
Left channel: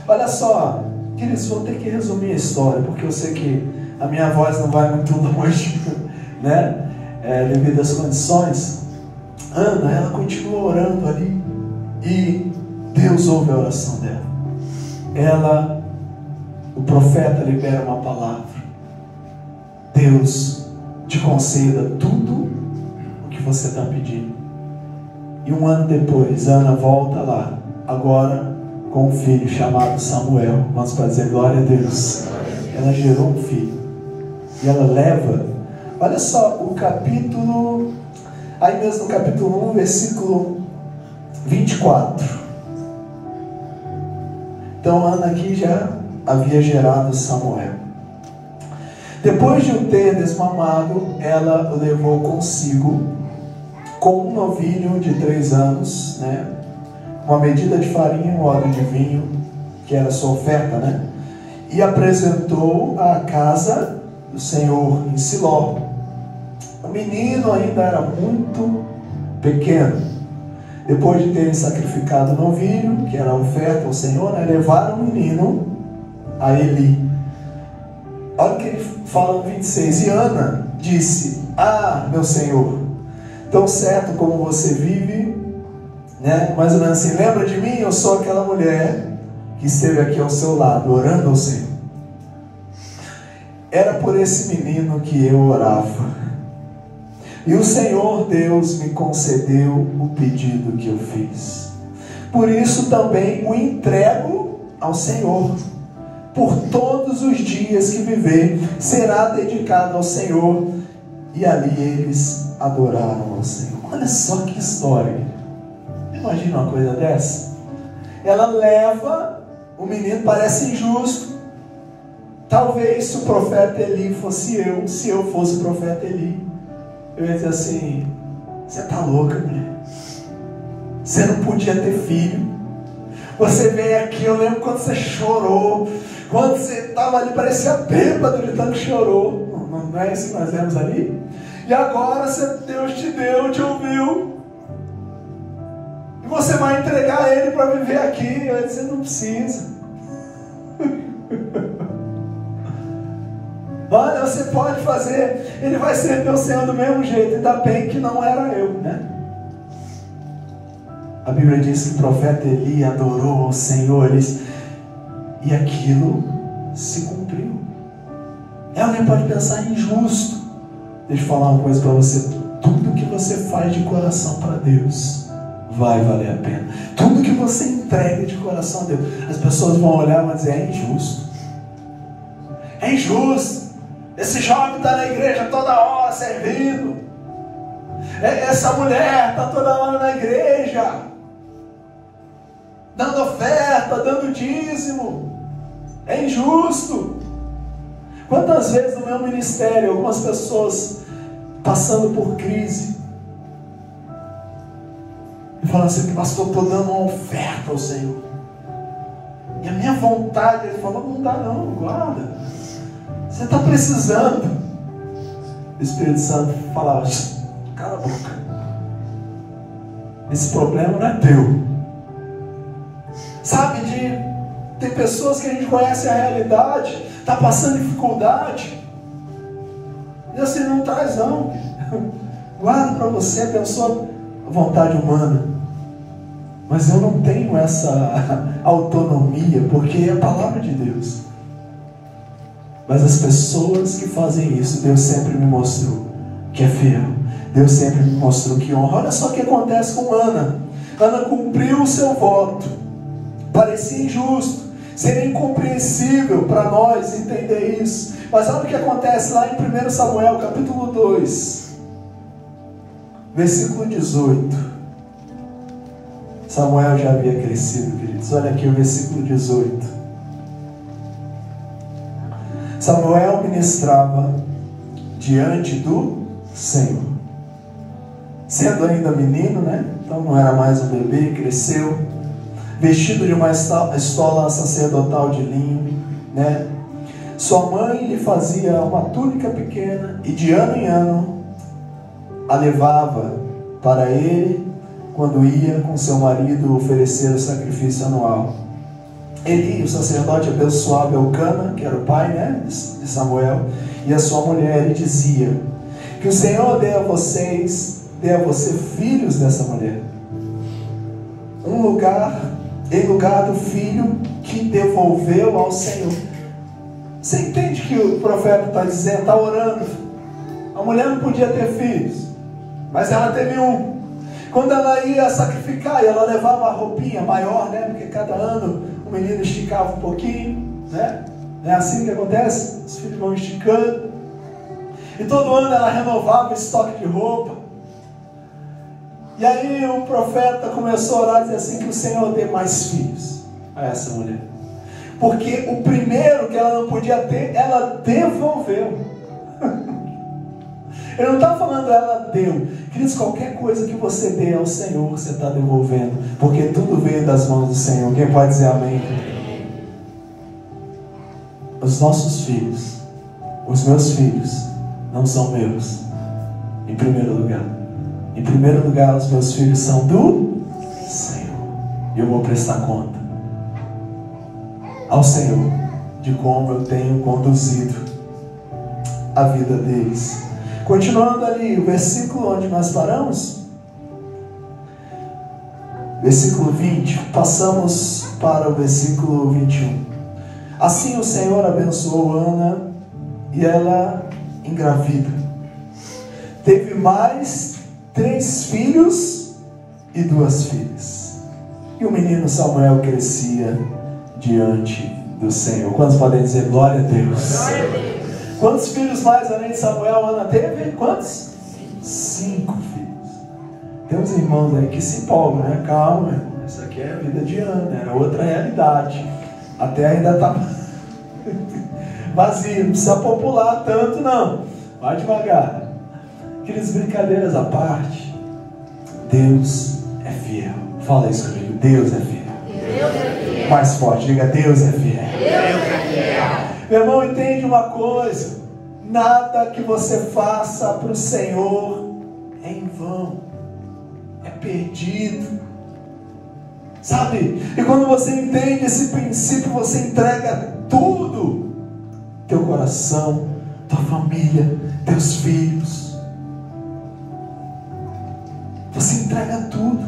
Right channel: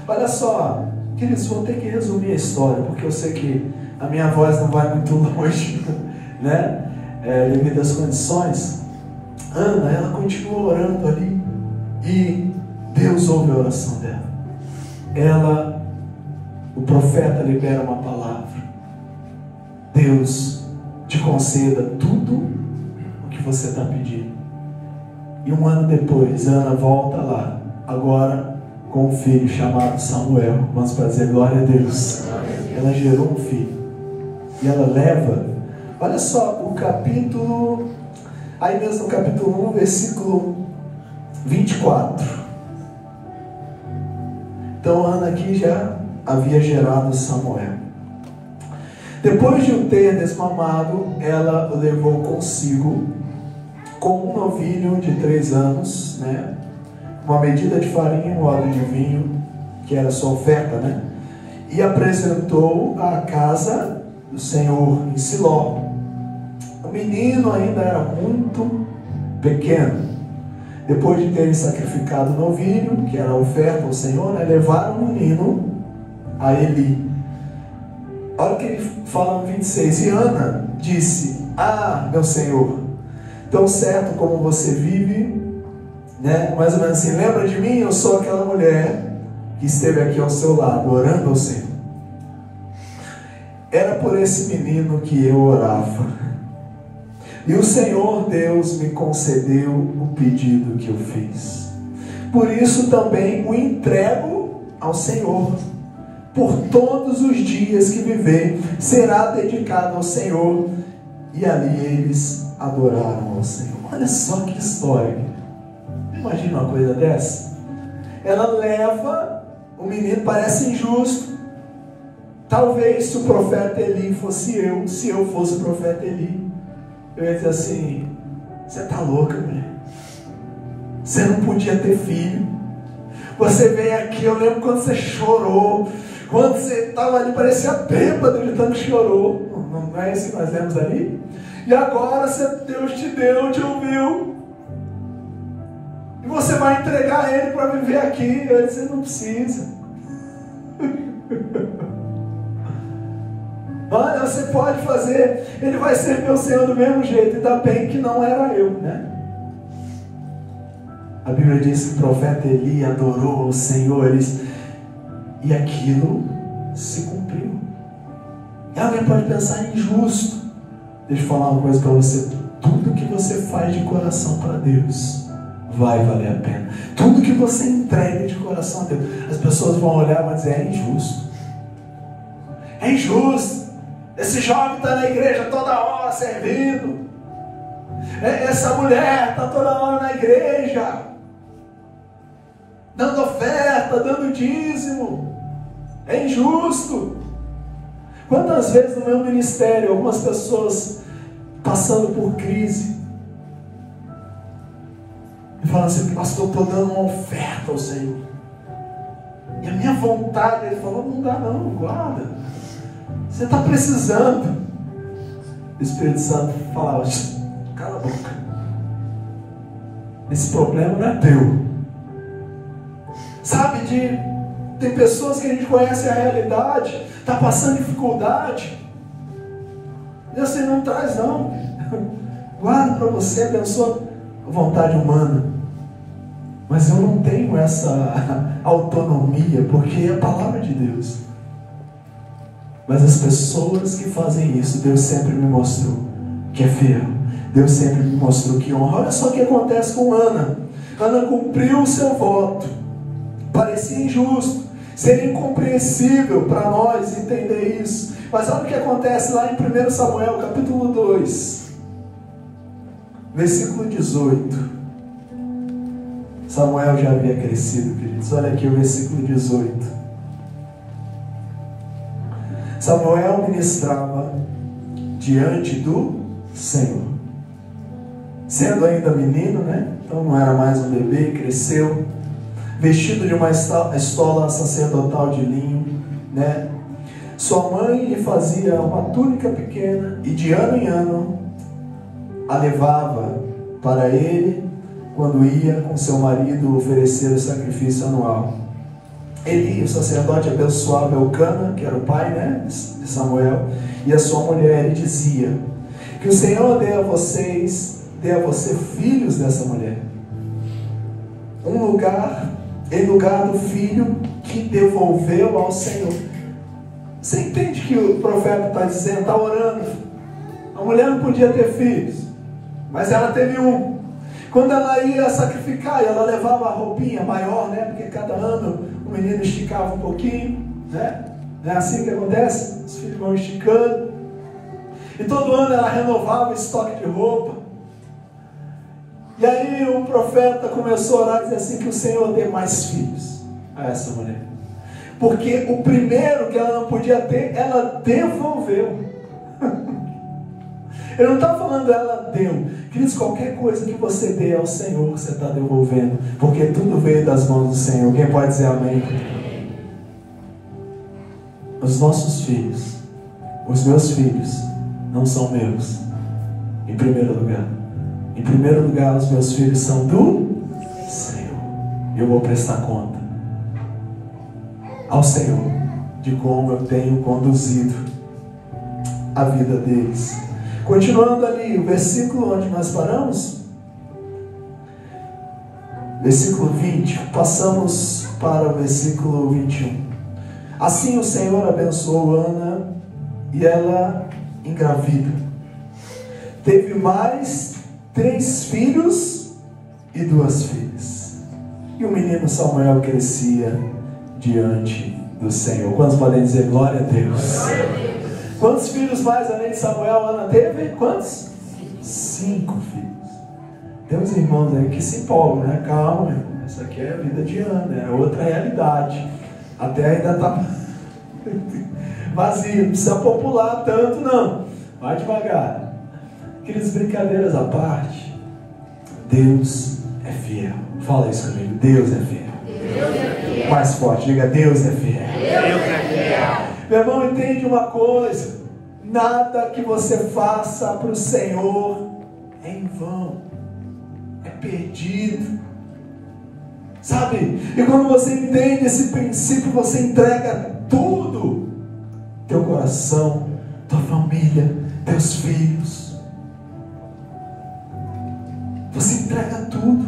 Olha só, queridos, vou ter que resumir a história, porque eu sei que a minha voz não vai muito longe, devido às condições. Ana, ela continuou orando ali e Deus ouve a oração dela. O profeta libera uma palavra: Deus te conceda tudo o que você está pedindo. E um ano depois, Ana volta lá, agora com um filho chamado Samuel. Vamos para dizer glória a Deus. Ela gerou um filho e ela leva, olha só, o capítulo, aí mesmo no capítulo 1, versículo 24. Então Ana aqui já havia gerado Samuel. Depois de o ter desmamado, ela o levou consigo com um novilho de 3 anos, uma medida de farinha, um óleo de vinho, que era a sua oferta, e apresentou à casa do Senhor em Siló. O menino ainda era muito pequeno. Depois de terem sacrificado o novilho, que era a oferta ao Senhor, levaram o menino a Eli. Olha o que ele fala no 26. E Ana disse: ah, meu Senhor, tão certo como você vive, mais ou menos assim, lembra de mim? Eu sou aquela mulher que esteve aqui ao seu lado, orando ao Senhor. Era por esse menino que eu orava. E o Senhor Deus me concedeu o pedido que eu fiz. Por isso também o entrego ao Senhor. Por todos os dias que viver, será dedicado ao Senhor. E ali eles adoraram ao Senhor. Olha só que história. Imagina uma coisa dessa. Ela leva o menino, parece injusto. Talvez se o profeta Eli fosse eu, se eu fosse o profeta Eli, eu ia dizer assim: você está louca, mulher? Você não podia ter filho. Você veio aqui, eu lembro quando você chorou, quando você estava ali, parecia bêbado de tanto que chorou. Não é isso que nós vemos ali? E agora Deus te deu, te ouviu, e você vai entregar ele para viver aqui. Eu ia dizer: não precisa. Olha, você pode fazer, ele vai ser meu Senhor do mesmo jeito. Ainda bem que não era eu, A Bíblia diz que o profeta Eli adorou ao Senhor e aquilo se cumpriu. Alguém pode pensar em injusto. Deixa eu falar uma coisa para você. Tudo que você faz de coração para Deus vai valer a pena. Tudo que você entrega de coração a Deus, as pessoas vão olhar e vão dizer: é injusto. É injusto. Esse jovem está na igreja toda hora servindo. Essa mulher está toda hora na igreja, dando oferta, dando dízimo. É injusto. Quantas vezes no meu ministério, algumas pessoas passando por crise e falam assim: pastor, estou dando uma oferta ao Senhor. E a minha vontade, ele falou: não dá não, guarda. Você está precisando. O Espírito Santo falava: cala a boca. Esse problema não é teu. Sabe, tem pessoas que a gente conhece a realidade, está passando dificuldade. Deus assim, não traz não. Guarda para você, abençoa a vontade humana. Mas eu não tenho essa autonomia, porque é a palavra de Deus. Mas as pessoas que fazem isso, Deus sempre me mostrou que é fiel. Deus sempre me mostrou que honra. Olha só o que acontece com Ana. Ana cumpriu o seu voto. Parecia injusto, seria incompreensível para nós entender isso. Mas olha o que acontece lá em 1 Samuel, capítulo 2, versículo 18. Samuel já havia crescido, queridos. Olha aqui o versículo 18. Samuel ministrava diante do Senhor, sendo ainda menino, né? Então não era mais um bebê, cresceu, vestido de uma estola sacerdotal de linho, né? Sua mãe lhe fazia uma túnica pequena e de ano em ano a levava para ele quando ia com seu marido oferecer o sacrifício anual. Eli, o sacerdote, abençoava Elcana, que era o pai, né, de Samuel, e a sua mulher, e dizia: que o Senhor dê a você filhos dessa mulher, em lugar do filho que devolveu ao Senhor. Você entende que o profeta está dizendo, está orando? A mulher não podia ter filhos, mas ela teve um. Quando ela ia sacrificar, ela levava a roupinha maior, né? Porque cada ano o menino esticava um pouquinho, né? Não é assim que acontece? Os filhos vão esticando. E todo ano ela renovava o estoque de roupa. E aí o profeta começou a orar e dizer assim: que o Senhor dê mais filhos a essa mulher. Porque o primeiro que ela não podia ter, ela devolveu. Eu não estava falando ela deu. Queridos, qualquer coisa que você dê ao Senhor, você está devolvendo. Porque tudo veio das mãos do Senhor. Quem pode dizer amém? Os nossos filhos, os meus filhos, não são meus. Em primeiro lugar. Em primeiro lugar, os meus filhos são do Senhor. Eu vou prestar conta ao Senhor de como eu tenho conduzido a vida deles. Continuando ali, o versículo onde nós paramos, versículo 20, passamos para o versículo 21. Assim o Senhor abençoou Ana e ela engravida. Teve mais 3 filhos e 2 filhas. E o menino Samuel crescia diante do Senhor. Quantos podem dizer glória a Deus? Quantos filhos mais além de Samuel Ana teve? Quantos? 5 filhos. Tem uns irmãos aí que se empolgam, né? Calma, irmão. Essa aqui é a vida de Ana, é outra realidade. Até ainda está vazio, não precisa popular tanto não. Vai devagar. Aquelas brincadeiras à parte, Deus é fiel. Fala isso comigo, Deus é fiel. Deus é fiel. Mais forte, diga: Deus é fiel. Deus é fiel. Meu irmão, entende uma coisa: nada que você faça para o Senhor é em vão, é perdido, sabe? E quando você entende esse princípio, você entrega tudo: teu coração, tua família, teus filhos. Você entrega tudo.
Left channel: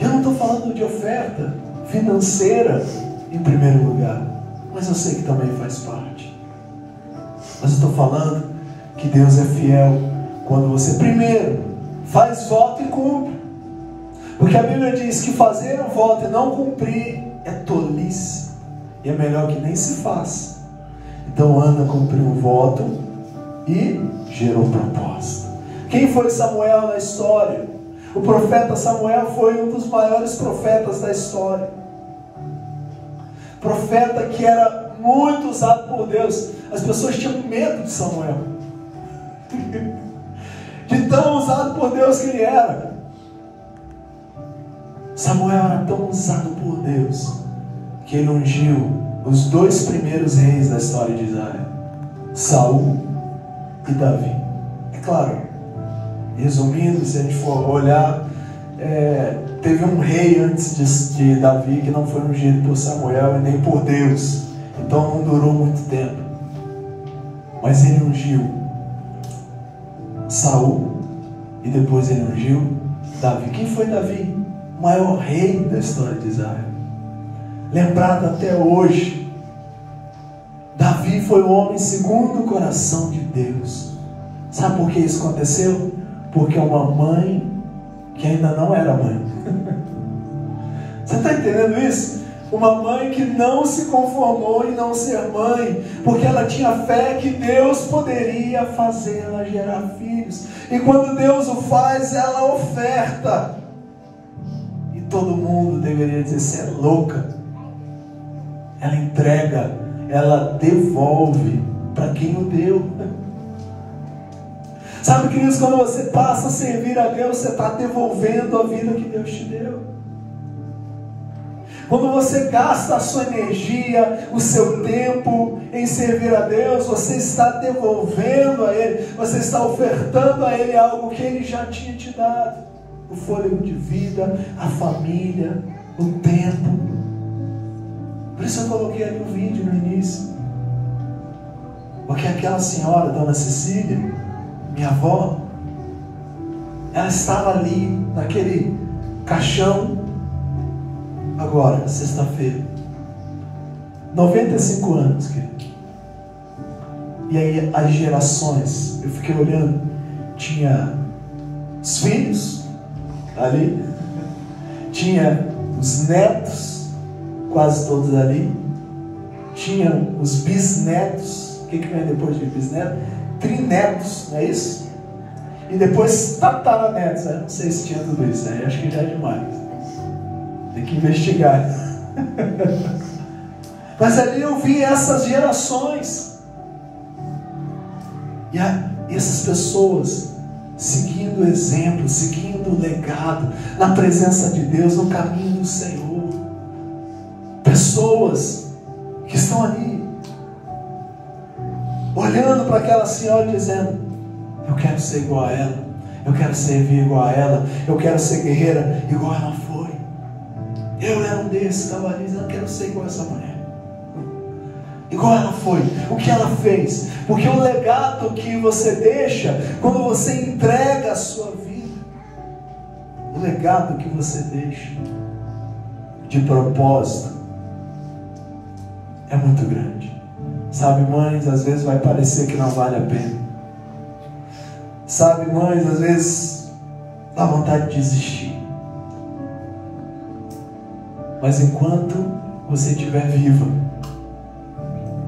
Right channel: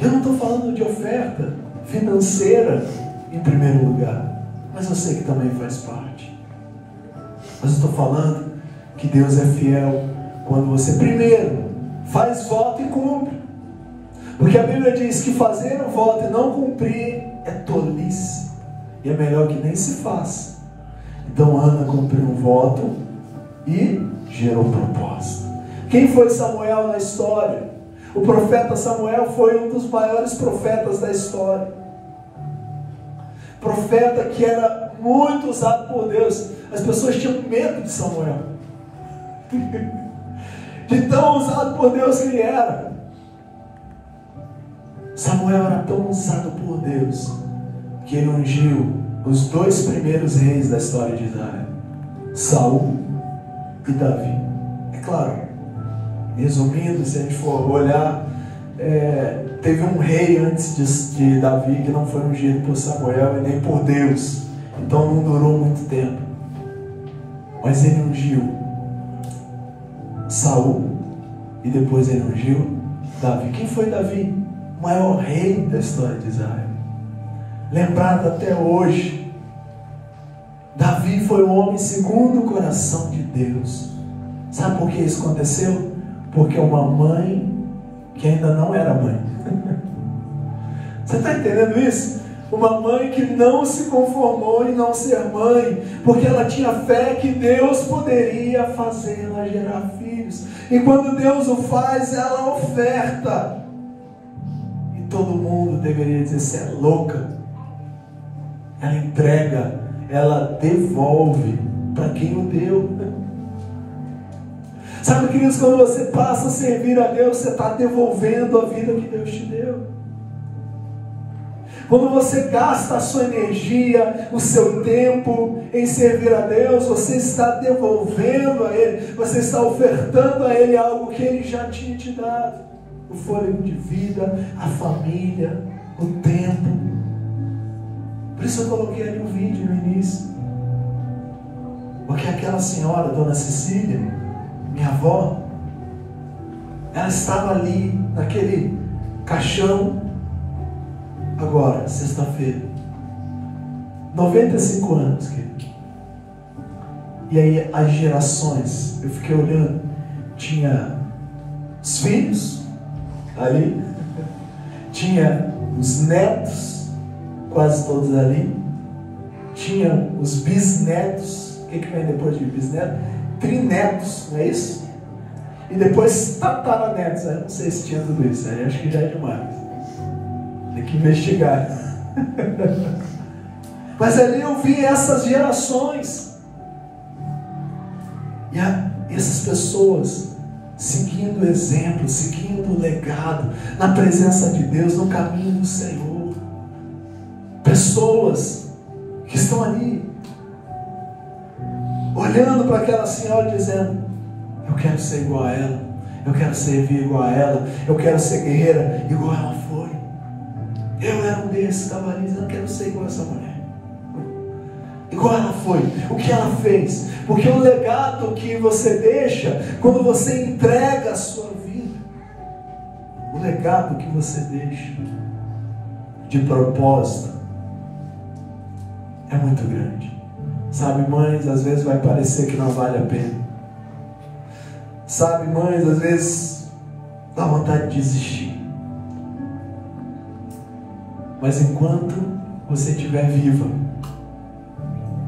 Eu não estou falando de oferta financeira em primeiro lugar, mas eu sei que também faz parte. Mas eu estou falando que Deus é fiel quando você primeiro faz voto e cumpre. Porque a Bíblia diz que fazer um voto e não cumprir é tolice. E é melhor que nem se faça. Então Ana cumpriu um voto e gerou proposta. Quem foi Samuel na história? O profeta Samuel foi um dos maiores profetas da história. Profeta que era muito usado por Deus. As pessoas tinham medo de Samuel. De tão usado por Deus que ele era. Samuel era tão usado por Deus que ele ungiu os 2 primeiros reis da história de Israel, Saul e Davi. É claro, resumindo, se a gente for olhar, teve um rei antes de Davi que não foi ungido por Samuel e nem por Deus, então não durou muito tempo. Mas ele ungiu Saul e depois ele ungiu Davi. Quem foi Davi? O maior rei da história de Israel, lembrado até hoje. Davi foi o homem segundo o coração de Deus. Sabe por que isso aconteceu? Porque uma mãe que ainda não era mãe. Você está entendendo isso? Uma mãe que não se conformou em não ser mãe, porque ela tinha fé que Deus poderia fazê-la gerar filhos. E quando Deus o faz, ela oferta. E todo mundo deveria dizer: você é louca. Ela entrega, ela devolve para quem o deu. Sabe, queridos, quando você passa a servir a Deus, você está devolvendo a vida que Deus te deu. Quando você gasta a sua energia, o seu tempo em servir a Deus, você está devolvendo a Ele, você está ofertando a Ele algo que Ele já tinha te dado. O fôlego de vida, a família, o tempo. Por isso eu coloquei ali um vídeo no início. Porque aquela senhora, Dona Cecília, minha avó, ela estava ali, naquele caixão, agora, sexta-feira, 95 anos, querido. E aí as gerações, eu fiquei olhando, tinha os filhos ali, tinha os netos, quase todos ali, tinha os bisnetos. O que vem depois de bisneto? Trinetos, não é isso? E depois tataranetos. Eu não sei se tinha tudo isso, aí acho que já é demais. Tem que investigar. Mas ali eu vi essas gerações. E essas pessoas seguindo o exemplo, seguindo o legado, na presença de Deus, no caminho do Senhor. Pessoas que estão ali, olhando para aquela senhora dizendo: eu quero ser igual a ela, eu quero servir igual a ela, eu quero ser guerreira igual ela foi. Eu era um desses, estava ali dizendo: eu quero ser igual a essa mulher, igual ela foi, o que ela fez. Porque o legado que você deixa, quando você entrega a sua vida, o legado que você deixa de propósito é muito grande. Sabe, mães, às vezes vai parecer que não vale a pena. Sabe, mães, às vezes dá vontade de desistir. Mas enquanto você estiver viva,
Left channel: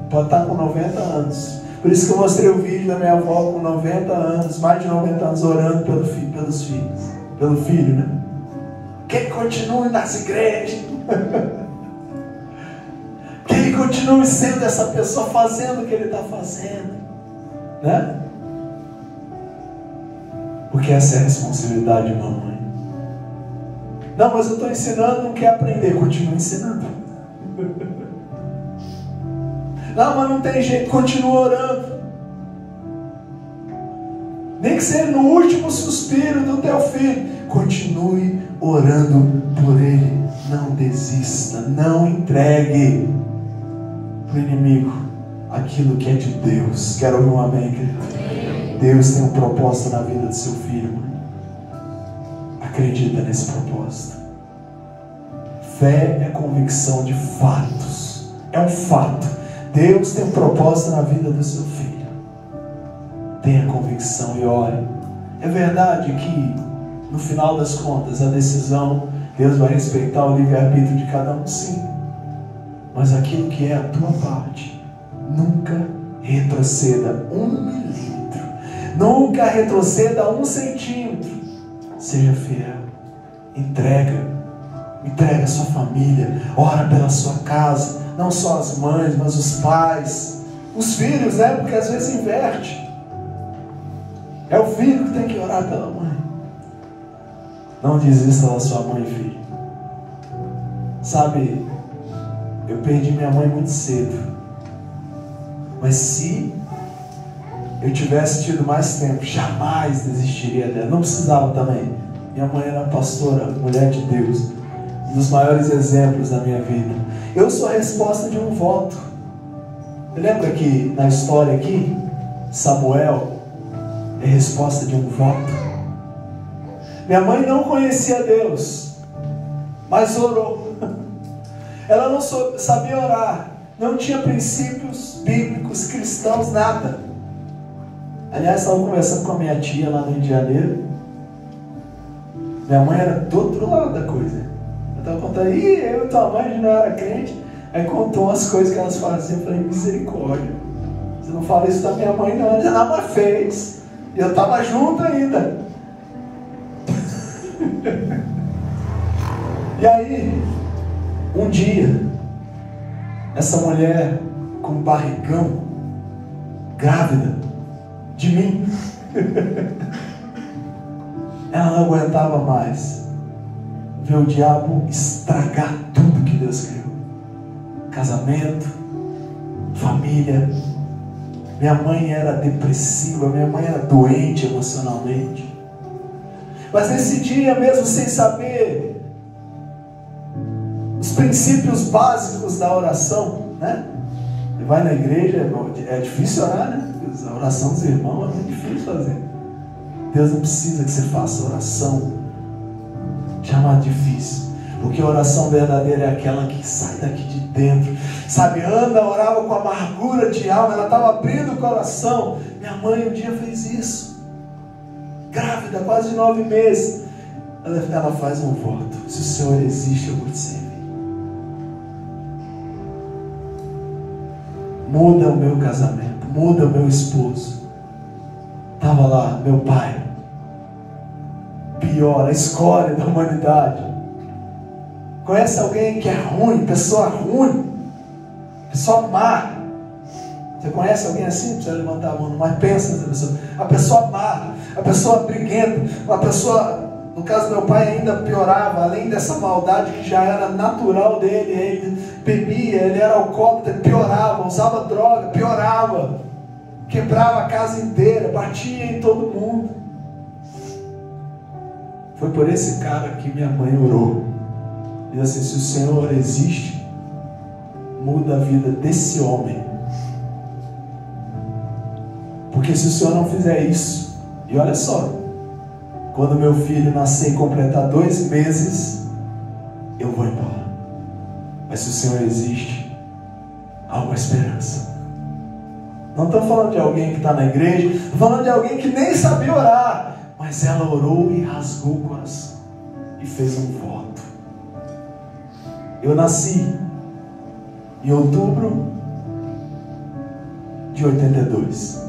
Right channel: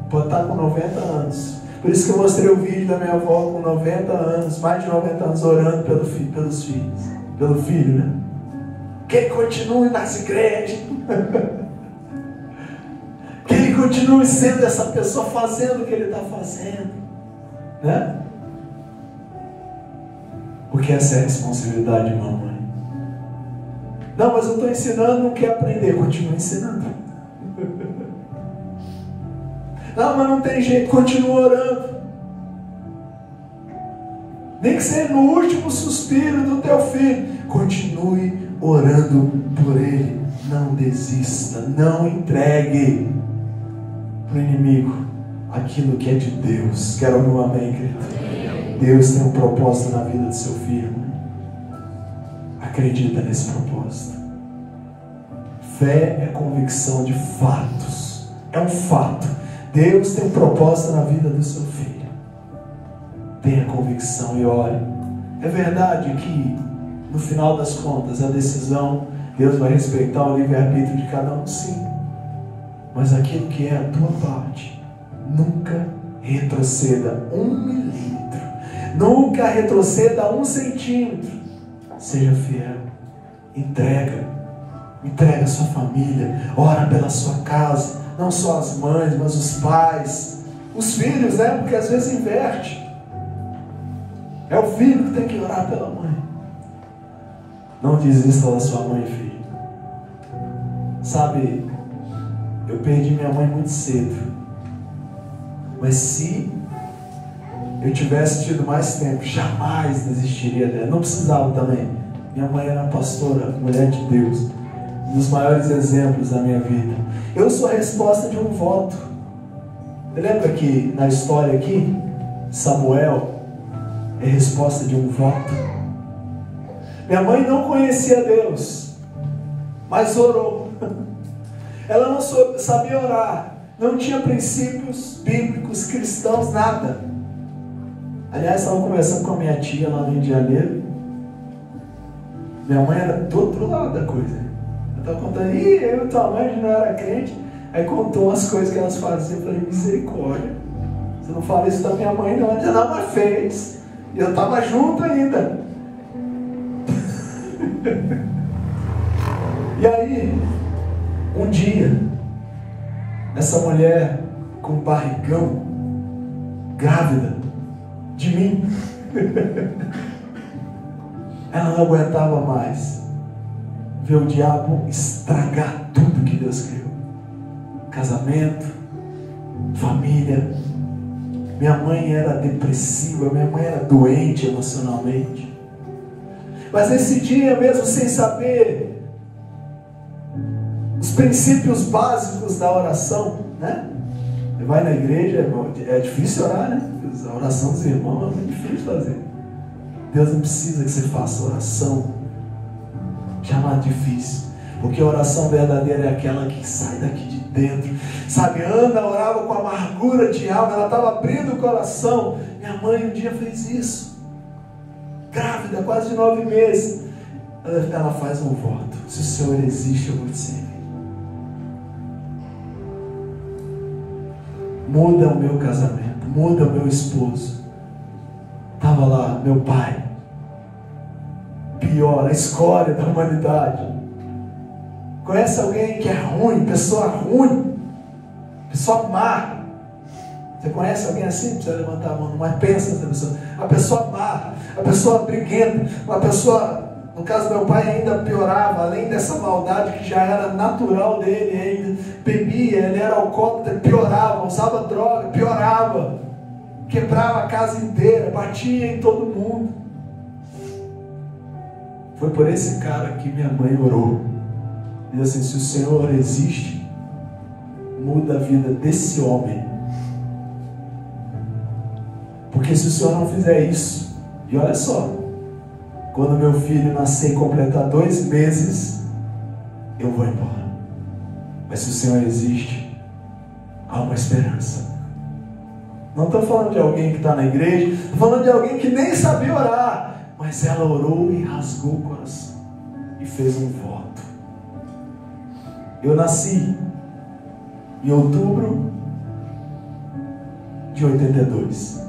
pode estar com 90 anos. Por isso que eu mostrei o vídeo da minha avó com 90 anos, mais de 90 anos, orando pelos filhos. Pelo filho, né? Que ele continue nas igrejas. Que ele continue sendo essa pessoa, fazendo o que ele está fazendo, né? Porque essa é a responsabilidade de uma mãe. Não, mas eu estou ensinando, não quer aprender, continua ensinando. Não, mas não tem jeito, continua orando. Nem que seja no último suspiro do teu filho, continue orando por ele. Não desista, não entregue para o inimigo aquilo que é de Deus. Quero ouvir um amém, querido? Deus tem um propósito na vida do seu filho, mãe. Acredita nesse propósito. Fé é convicção de fatos. É um fato. Deus tem um propósito na vida do seu filho. Tenha convicção e ore. É verdade que, no final das contas, a decisão, Deus vai respeitar o livre-arbítrio de cada um, sim. Mas aquilo que é a tua parte, nunca retroceda 1 milímetro. Nunca retroceda 1 centímetro. Seja fiel. Entrega a sua família. Ora pela sua casa. Não só as mães, mas os pais. Os filhos, né? Porque às vezes inverte. É o filho que tem que orar pela mãe. Não desista da sua mãe, filho. Sabe, eu perdi minha mãe muito cedo. Mas se eu tivesse tido mais tempo, jamais desistiria dela. Não precisava também. Minha mãe era pastora, mulher de Deus. Um dos maiores exemplos da minha vida. Eu sou a resposta de um voto. Você lembra que na história aqui, Samuel é resposta de um voto? Minha mãe não conhecia Deus, mas orou. Ela não sabia orar, não tinha princípios bíblicos, cristãos, nada. Aliás, estava conversando com a minha tia lá no Rio de Janeiro. Minha mãe era do outro lado da coisa. Eu estava contando, eu e tua mãe não era crente. Aí contou as coisas que elas faziam. Eu falei, misericórdia, você não fala isso da minha mãe não, ela fez. E eu estava junto ainda. E aí, um dia, essa mulher com barrigão, grávida de mim, ela não aguentava mais ver o diabo estragar tudo que Deus criou. Casamento, família. Minha mãe era depressiva, minha mãe era doente emocionalmente. Mas nesse dia, mesmo sem saber os princípios básicos da oração, né? Você vai na igreja, é difícil orar, né? A oração dos irmãos é difícil fazer. Deus não precisa que você faça oração. Jamais difícil. Porque a oração verdadeira é aquela que sai daqui de dentro. Sabe, Ana orava com amargura de alma. Ela estava abrindo o coração. Minha mãe um dia fez isso. Grávida, quase 9 meses. Ela faz um voto. Se o Senhor existe, eu vou te servir. Muda o meu casamento. Muda o meu esposo. Estava lá, meu pai. Pior, a escória da humanidade. Conhece alguém que é ruim, pessoa ruim, pessoa má? Você conhece alguém assim? Não precisa levantar a mão, mas pensa nessa pessoa. A pessoa má, a pessoa briguenta, a pessoa, no caso do meu pai, ainda piorava, além dessa maldade que já era natural dele, ele bebia, ele era alcoólatra, piorava, usava droga, piorava, quebrava a casa inteira, batia em todo mundo. Foi por esse cara que minha mãe orou. Diz assim, se o Senhor existe, muda a vida desse homem. Porque se o Senhor não fizer isso, e olha só, quando meu filho nascer e completar 2 meses, eu vou embora. Mas se o Senhor existe, há uma esperança. Não estou falando de alguém que está na igreja, estou falando de alguém que nem sabia orar. Mas ela orou e rasgou o coração. E fez um voto. Eu nasci em outubro de 82.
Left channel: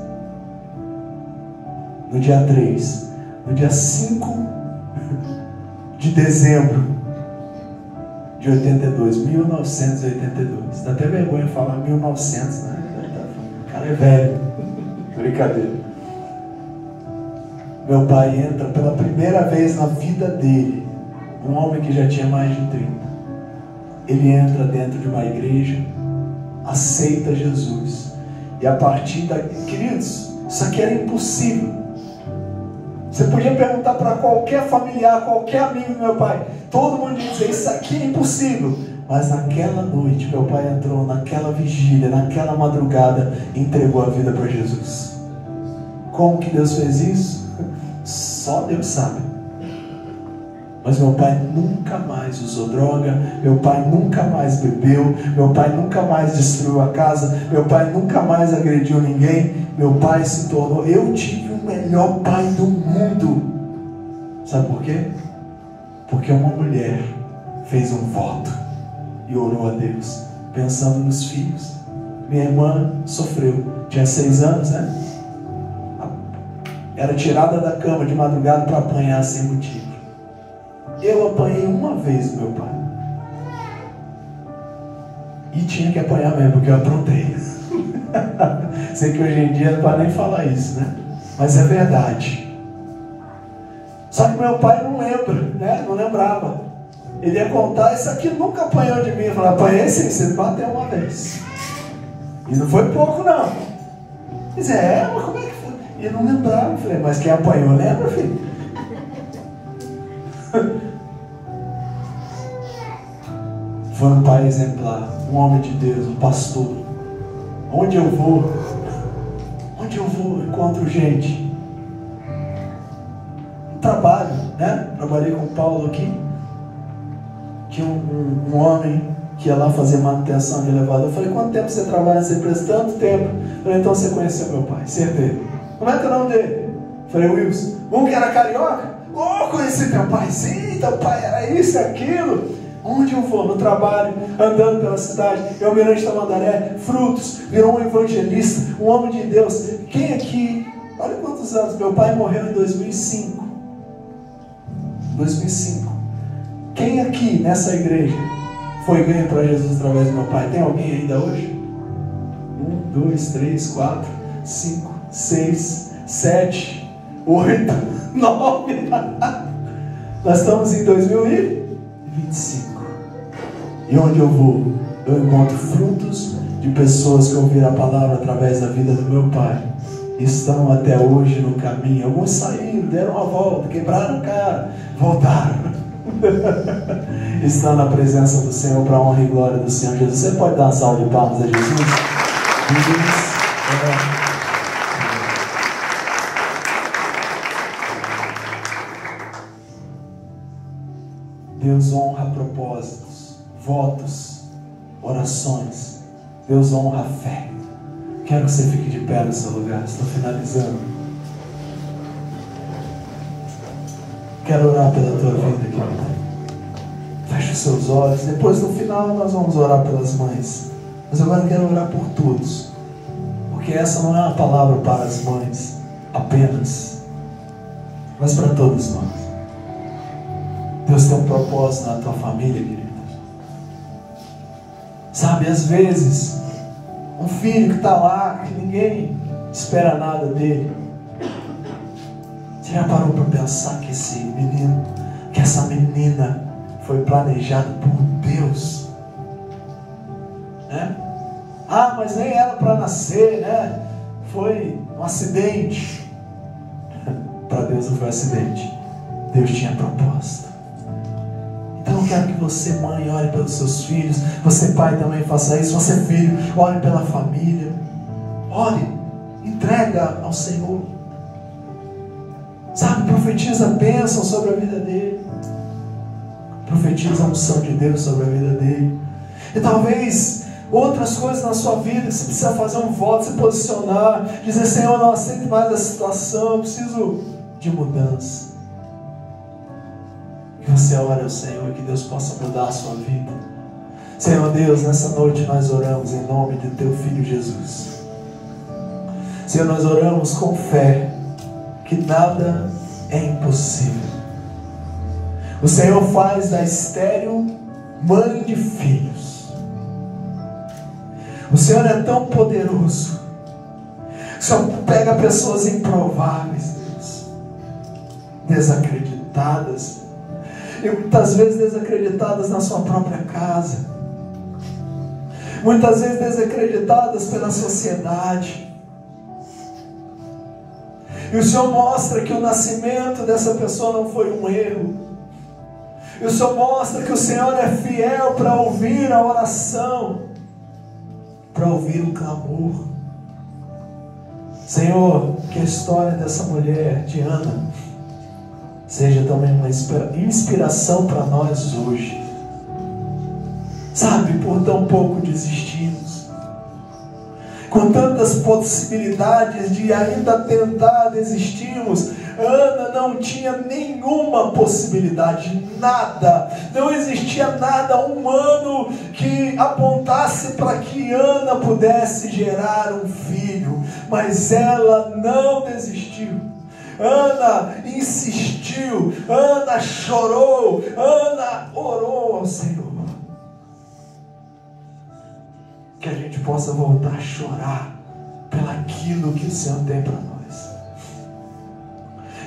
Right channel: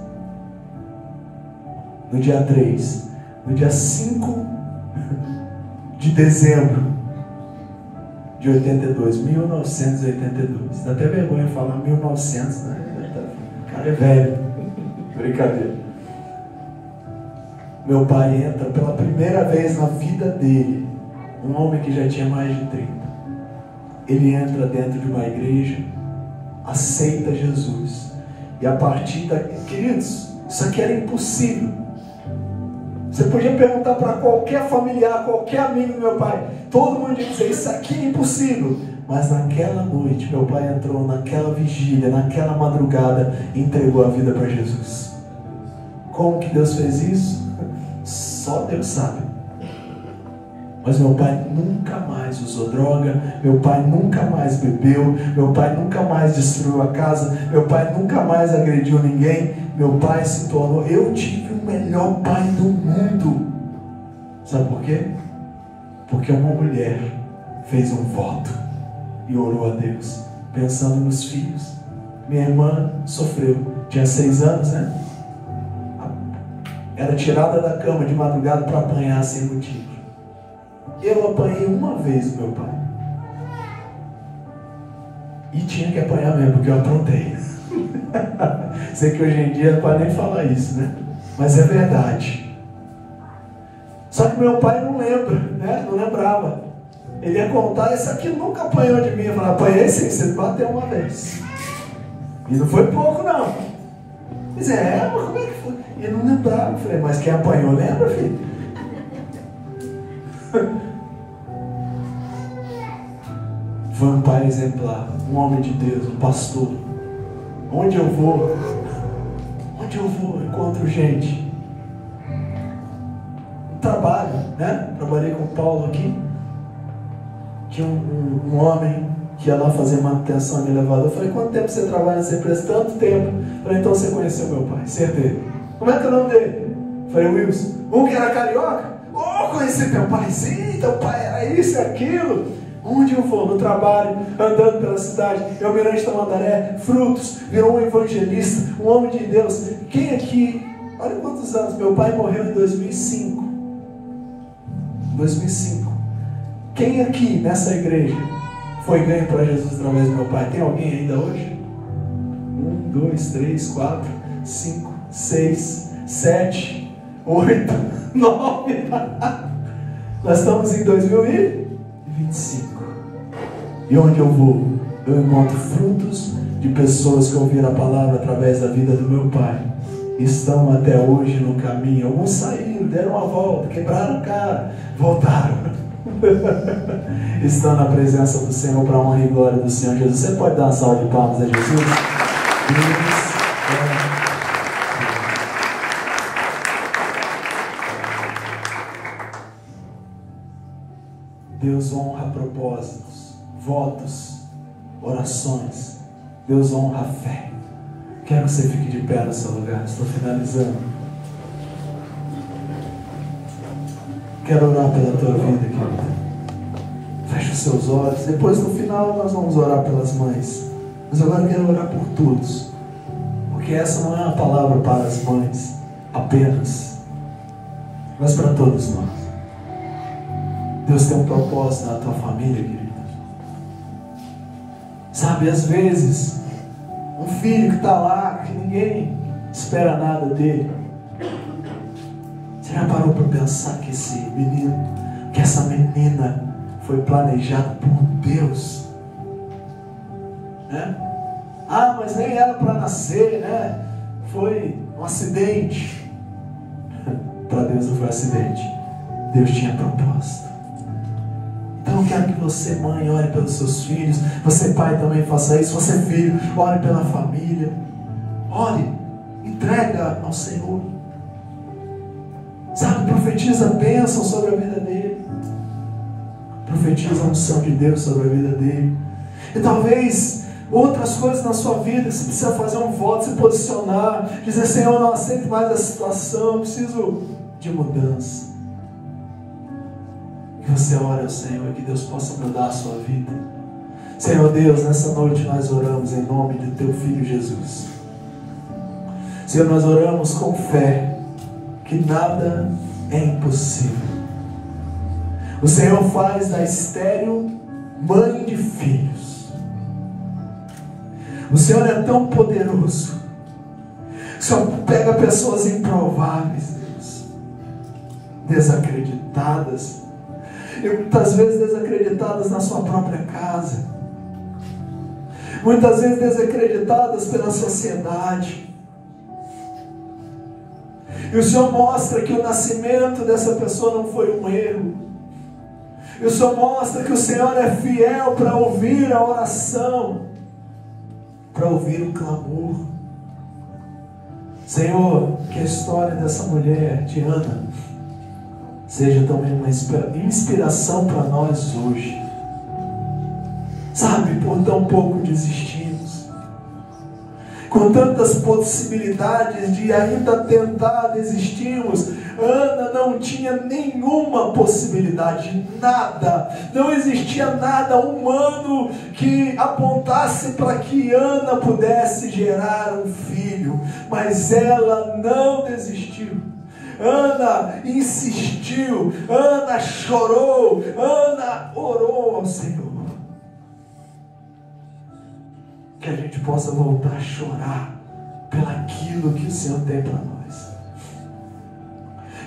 No dia 3. No dia 5 de dezembro de 82. 1982. Dá até vergonha falar 1900, né? O cara é velho. Brincadeira. Meu pai entra pela primeira vez na vida dele, um homem que já tinha mais de 30. Ele entra dentro de uma igreja, aceita Jesus. E a partir daí, queridos, isso aqui era impossível. Você podia perguntar para qualquer familiar, qualquer amigo do meu pai, todo mundo ia dizer, isso aqui é impossível. Mas naquela noite, meu pai entrou naquela vigília, naquela madrugada, e entregou a vida para Jesus. Como que Deus fez isso? Só Deus sabe. Mas meu pai nunca mais usou droga, meu pai nunca mais bebeu, meu pai nunca mais destruiu a casa, meu pai nunca mais agrediu ninguém. Meu pai se tornou, eu tive o melhor pai do mundo. Sabe por quê? Porque uma mulher fez um voto e orou a Deus, pensando nos filhos. Minha irmã sofreu, tinha 6 anos, né? Era tirada da cama de madrugada para apanhar sem motivo. Eu apanhei uma vez meu pai. E tinha que apanhar mesmo, porque eu aprontei. Sei que hoje em dia não pode nem falar isso, né? Mas é verdade. Só que meu pai não lembra, né? Não lembrava. Ele ia contar, esse aqui nunca apanhou de mim. Eu falei, apanhei sim, você bateu uma vez. E não foi pouco, não. Ele dizia, mas como é que foi? E eu não lembrava. Eu falei, mas quem apanhou lembra, filho? Foi um pai exemplar, um homem de Deus, um pastor. Onde eu vou, eu encontro gente. No trabalho, né? Trabalhei com o Paulo aqui. Tinha um homem que ia lá fazer manutenção de elevador. Eu falei, quanto tempo você trabalha nessa empresa? Tanto tempo. Eu falei, então você conheceu meu pai, certeza. Como é que é o nome dele? Eu falei, Wilson. Um que era carioca? Conheci teu pai. Sim, teu pai era isso e aquilo. Onde eu vou? No trabalho, andando pela cidade, em Almirante Tamandaré, Frutos, virou um evangelista, um homem de Deus. Quem aqui, olha quantos anos, meu pai morreu em 2005. 2005. Quem aqui nessa igreja foi ganho para Jesus através do meu pai? Tem alguém ainda hoje? 1, 2, 3, 4, 5, 6, 7, 8, 9. Nós estamos em 2025. E onde eu vou, eu encontro frutos de pessoas que ouviram a palavra através da vida do meu pai. Estão até hoje no caminho. Alguns saíram, deram uma volta, quebraram a cara, voltaram. Estão na presença do Senhor, para a honra e glória do Senhor Jesus. Você pode dar uma salva de palmas a Jesus? Deus honra propósitos, votos, orações. Deus honra a fé. Quero que você fique de pé no seu lugar. Estou finalizando. Quero orar pela tua vida, querido. Feche os seus olhos. Depois, no final, nós vamos orar pelas mães. Mas agora eu quero orar por todos. Porque essa não é uma palavra para as mães apenas, mas para todos nós. Deus tem um propósito na tua família, querido. Sabe, às vezes, um filho que está lá, que ninguém espera nada dele. Você já parou para pensar que esse menino, que essa menina foi planejada por Deus? Né? Ah, mas nem ela para nascer, né? Foi um acidente. Para Deus não foi um acidente. Deus tinha propósito. Então eu quero que você, mãe, ore pelos seus filhos. Você, pai, também faça isso. Você, filho, ore pela família. Ore, entrega ao Senhor. Sabe, profetiza a bênção sobre a vida dele. Profetiza a unção de Deus sobre a vida dele. E talvez outras coisas na sua vida que você precisa fazer um voto, se posicionar, dizer, Senhor, eu não aceito mais a situação, eu preciso de mudança. Que você ore ao Senhor e que Deus possa mudar a sua vida. Senhor Deus, nessa noite nós oramos em nome de teu Filho Jesus. Senhor, nós oramos com fé que nada é impossível. O Senhor faz da estéril mãe de filhos. O Senhor é tão poderoso. O Senhor pega pessoas improváveis, Deus, desacreditadas, e muitas vezes desacreditadas na sua própria casa, muitas vezes desacreditadas pela sociedade. E o Senhor mostra que o nascimento dessa pessoa não foi um erro. E o Senhor mostra que o Senhor é fiel para ouvir a oração, para ouvir o clamor. Senhor, que a história dessa mulher, Diana, seja também uma inspiração para nós hoje. Sabe, por tão pouco desistimos, com tantas possibilidades de ainda tentar, desistimos. Ana não tinha nenhuma possibilidade, nada, não existia nada humano que apontasse para que Ana pudesse gerar um filho, mas ela não desistiu. Ana insistiu, Ana chorou, Ana orou ao Senhor. Que a gente possa voltar a chorar pelaquilo que o Senhor tem para nós.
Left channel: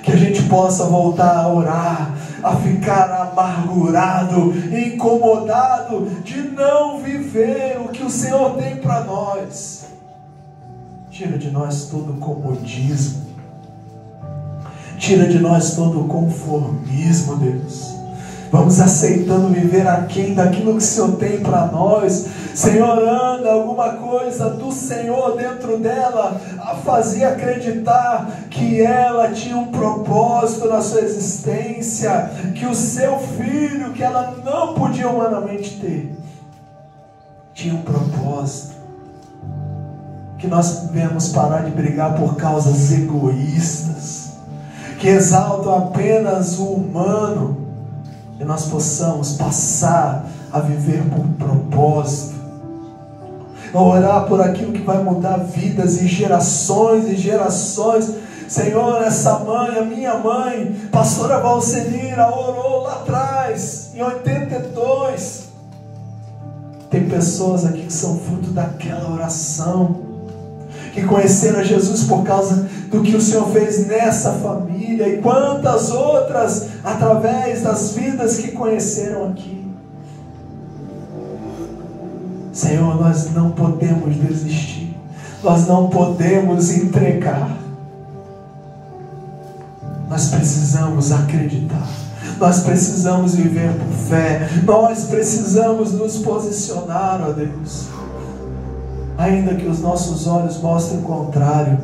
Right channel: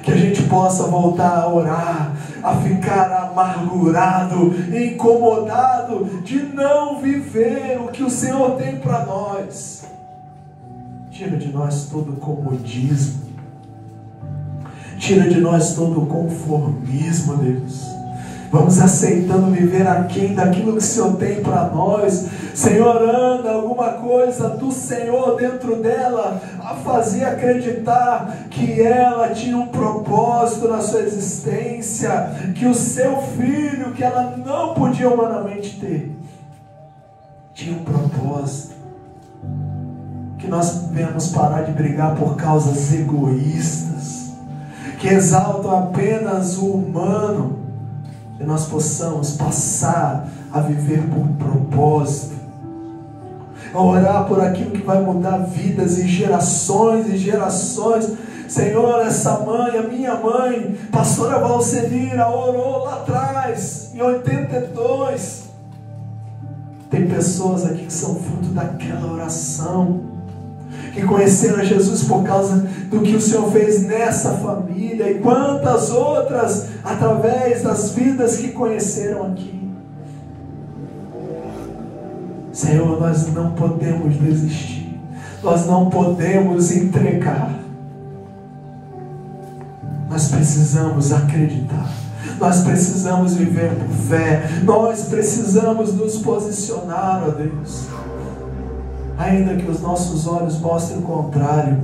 Que a gente possa voltar a orar, a ficar amargurado, incomodado de não viver o que o Senhor tem para nós. Tira de nós todo o comodismo. Tira de nós todo o conformismo, Deus. Vamos aceitando viver aquém daquilo que o Senhor tem para nós. Senhor, anda alguma coisa do Senhor dentro dela, a fazer acreditar que ela tinha um propósito na sua existência, que o seu filho, que ela não podia humanamente ter, tinha um propósito. Que nós devemos parar de brigar por causas egoístas, que exaltam apenas o humano, e nós possamos passar a viver por propósito, a orar por aquilo que vai mudar vidas e gerações e gerações. Senhor, essa mãe, a minha mãe, pastora Valcelina, orou lá atrás, em 82. Tem pessoas aqui que são fruto daquela oração, que conheceram a Jesus por causa do que o Senhor fez nessa família, e quantas outras através das vidas que conheceram aqui. Senhor, nós não podemos desistir, nós não podemos entregar, nós precisamos acreditar, nós precisamos viver por fé, nós precisamos nos posicionar, ó Deus. Ainda que os nossos olhos mostrem o contrário,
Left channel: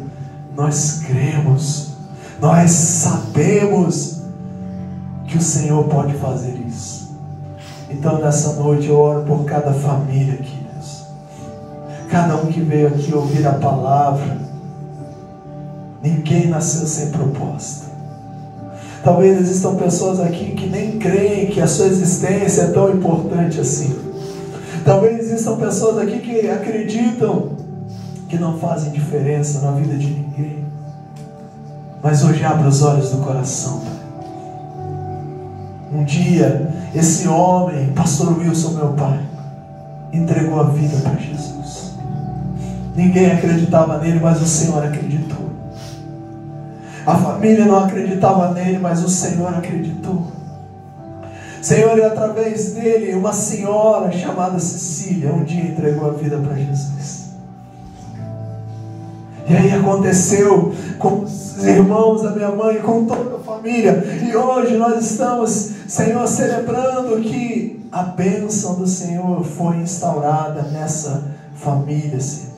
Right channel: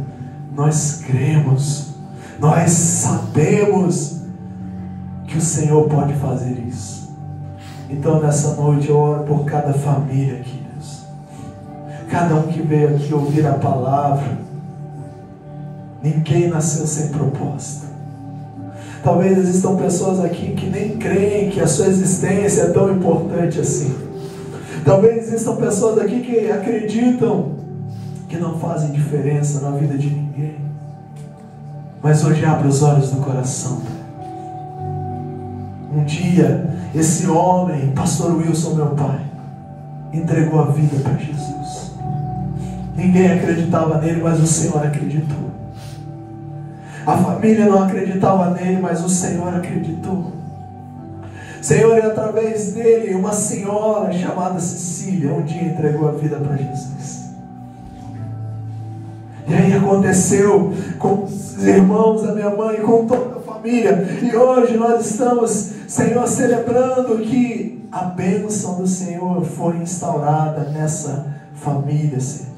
nós cremos, nós sabemos que o Senhor pode fazer isso. Então nessa noite eu oro por cada família aqui, Deus. Cada um que veio aqui ouvir a palavra. Ninguém nasceu sem propósito. Talvez existam pessoas aqui que nem creem que a sua existência é tão importante assim. Talvez existam pessoas aqui que acreditam que não fazem diferença na vida de ninguém. Mas hoje abre os olhos do coração, Pai. Um dia, esse homem, pastor Wilson, meu pai, entregou a vida para Jesus. Ninguém acreditava nele, mas o Senhor acreditou. A família não acreditava nele, mas o Senhor acreditou. Senhor, e através dele, uma senhora chamada Cecília, um dia entregou a vida para Jesus. E aí aconteceu com os irmãos da minha mãe, com toda a família. E hoje nós estamos, Senhor, celebrando que a bênção do Senhor foi instaurada nessa família, Senhor.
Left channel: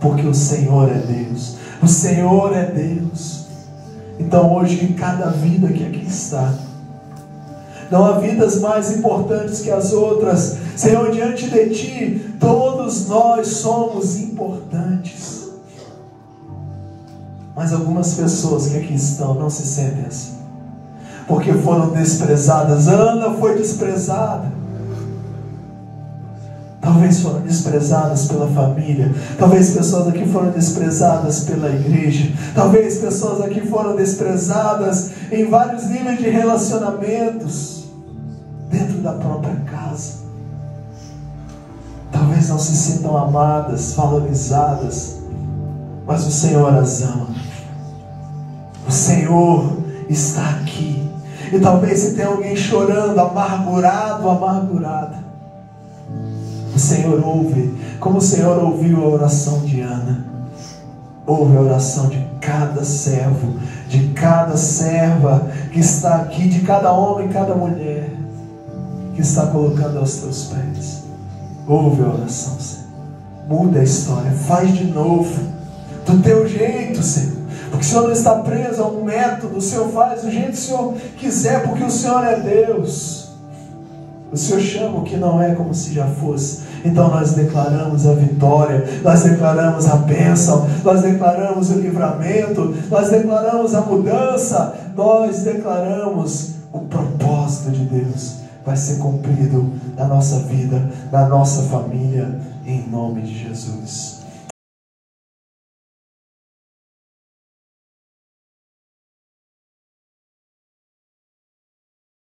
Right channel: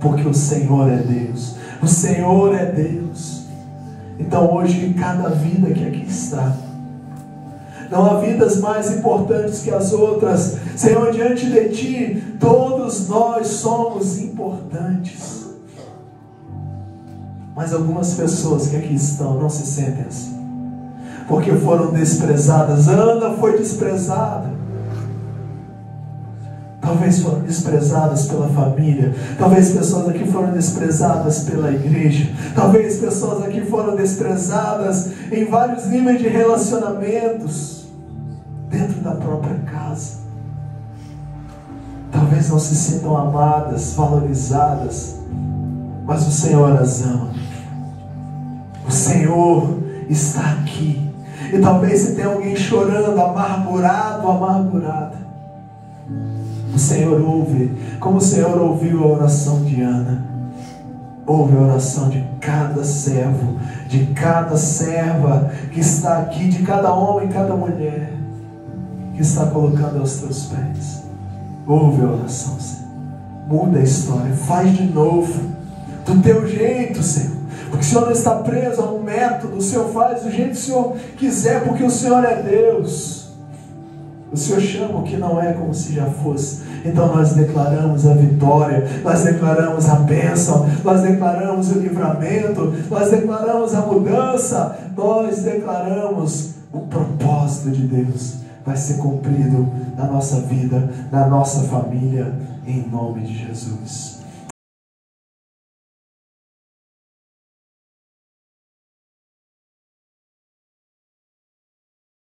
Porque o Senhor é Deus. O Senhor é Deus. Então hoje, cada vida que aqui está, não há vidas mais importantes que as outras. Senhor, diante de Ti, todos nós somos importantes. Mas algumas pessoas que aqui estão não se sentem assim, porque foram desprezadas. Ana foi desprezada. Talvez foram desprezadas pela família. Talvez pessoas aqui foram desprezadas pela igreja. Talvez pessoas aqui foram desprezadas em vários níveis de relacionamentos dentro da própria casa. Talvez não se sintam amadas, valorizadas, mas o Senhor as ama. O Senhor está aqui. E talvez se tem alguém chorando, amargurado, amargurada, o Senhor ouve, como o Senhor ouviu a oração de Ana. Ouve a oração de cada servo, de cada serva que está aqui, de cada homem, cada mulher que está colocando aos teus pés. Ouve a oração, Senhor. Muda a história, faz de novo, do teu jeito, Senhor. Porque o Senhor não está preso a um método. O Senhor faz do jeito que o Senhor quiser, porque o Senhor é Deus. O Senhor chama o que não é como se já fosse. Então nós declaramos a vitória, nós declaramos a bênção, nós declaramos o livramento, nós declaramos a mudança, nós declaramos o propósito de Deus vai ser cumprido na nossa vida, na nossa família, em nome de Jesus.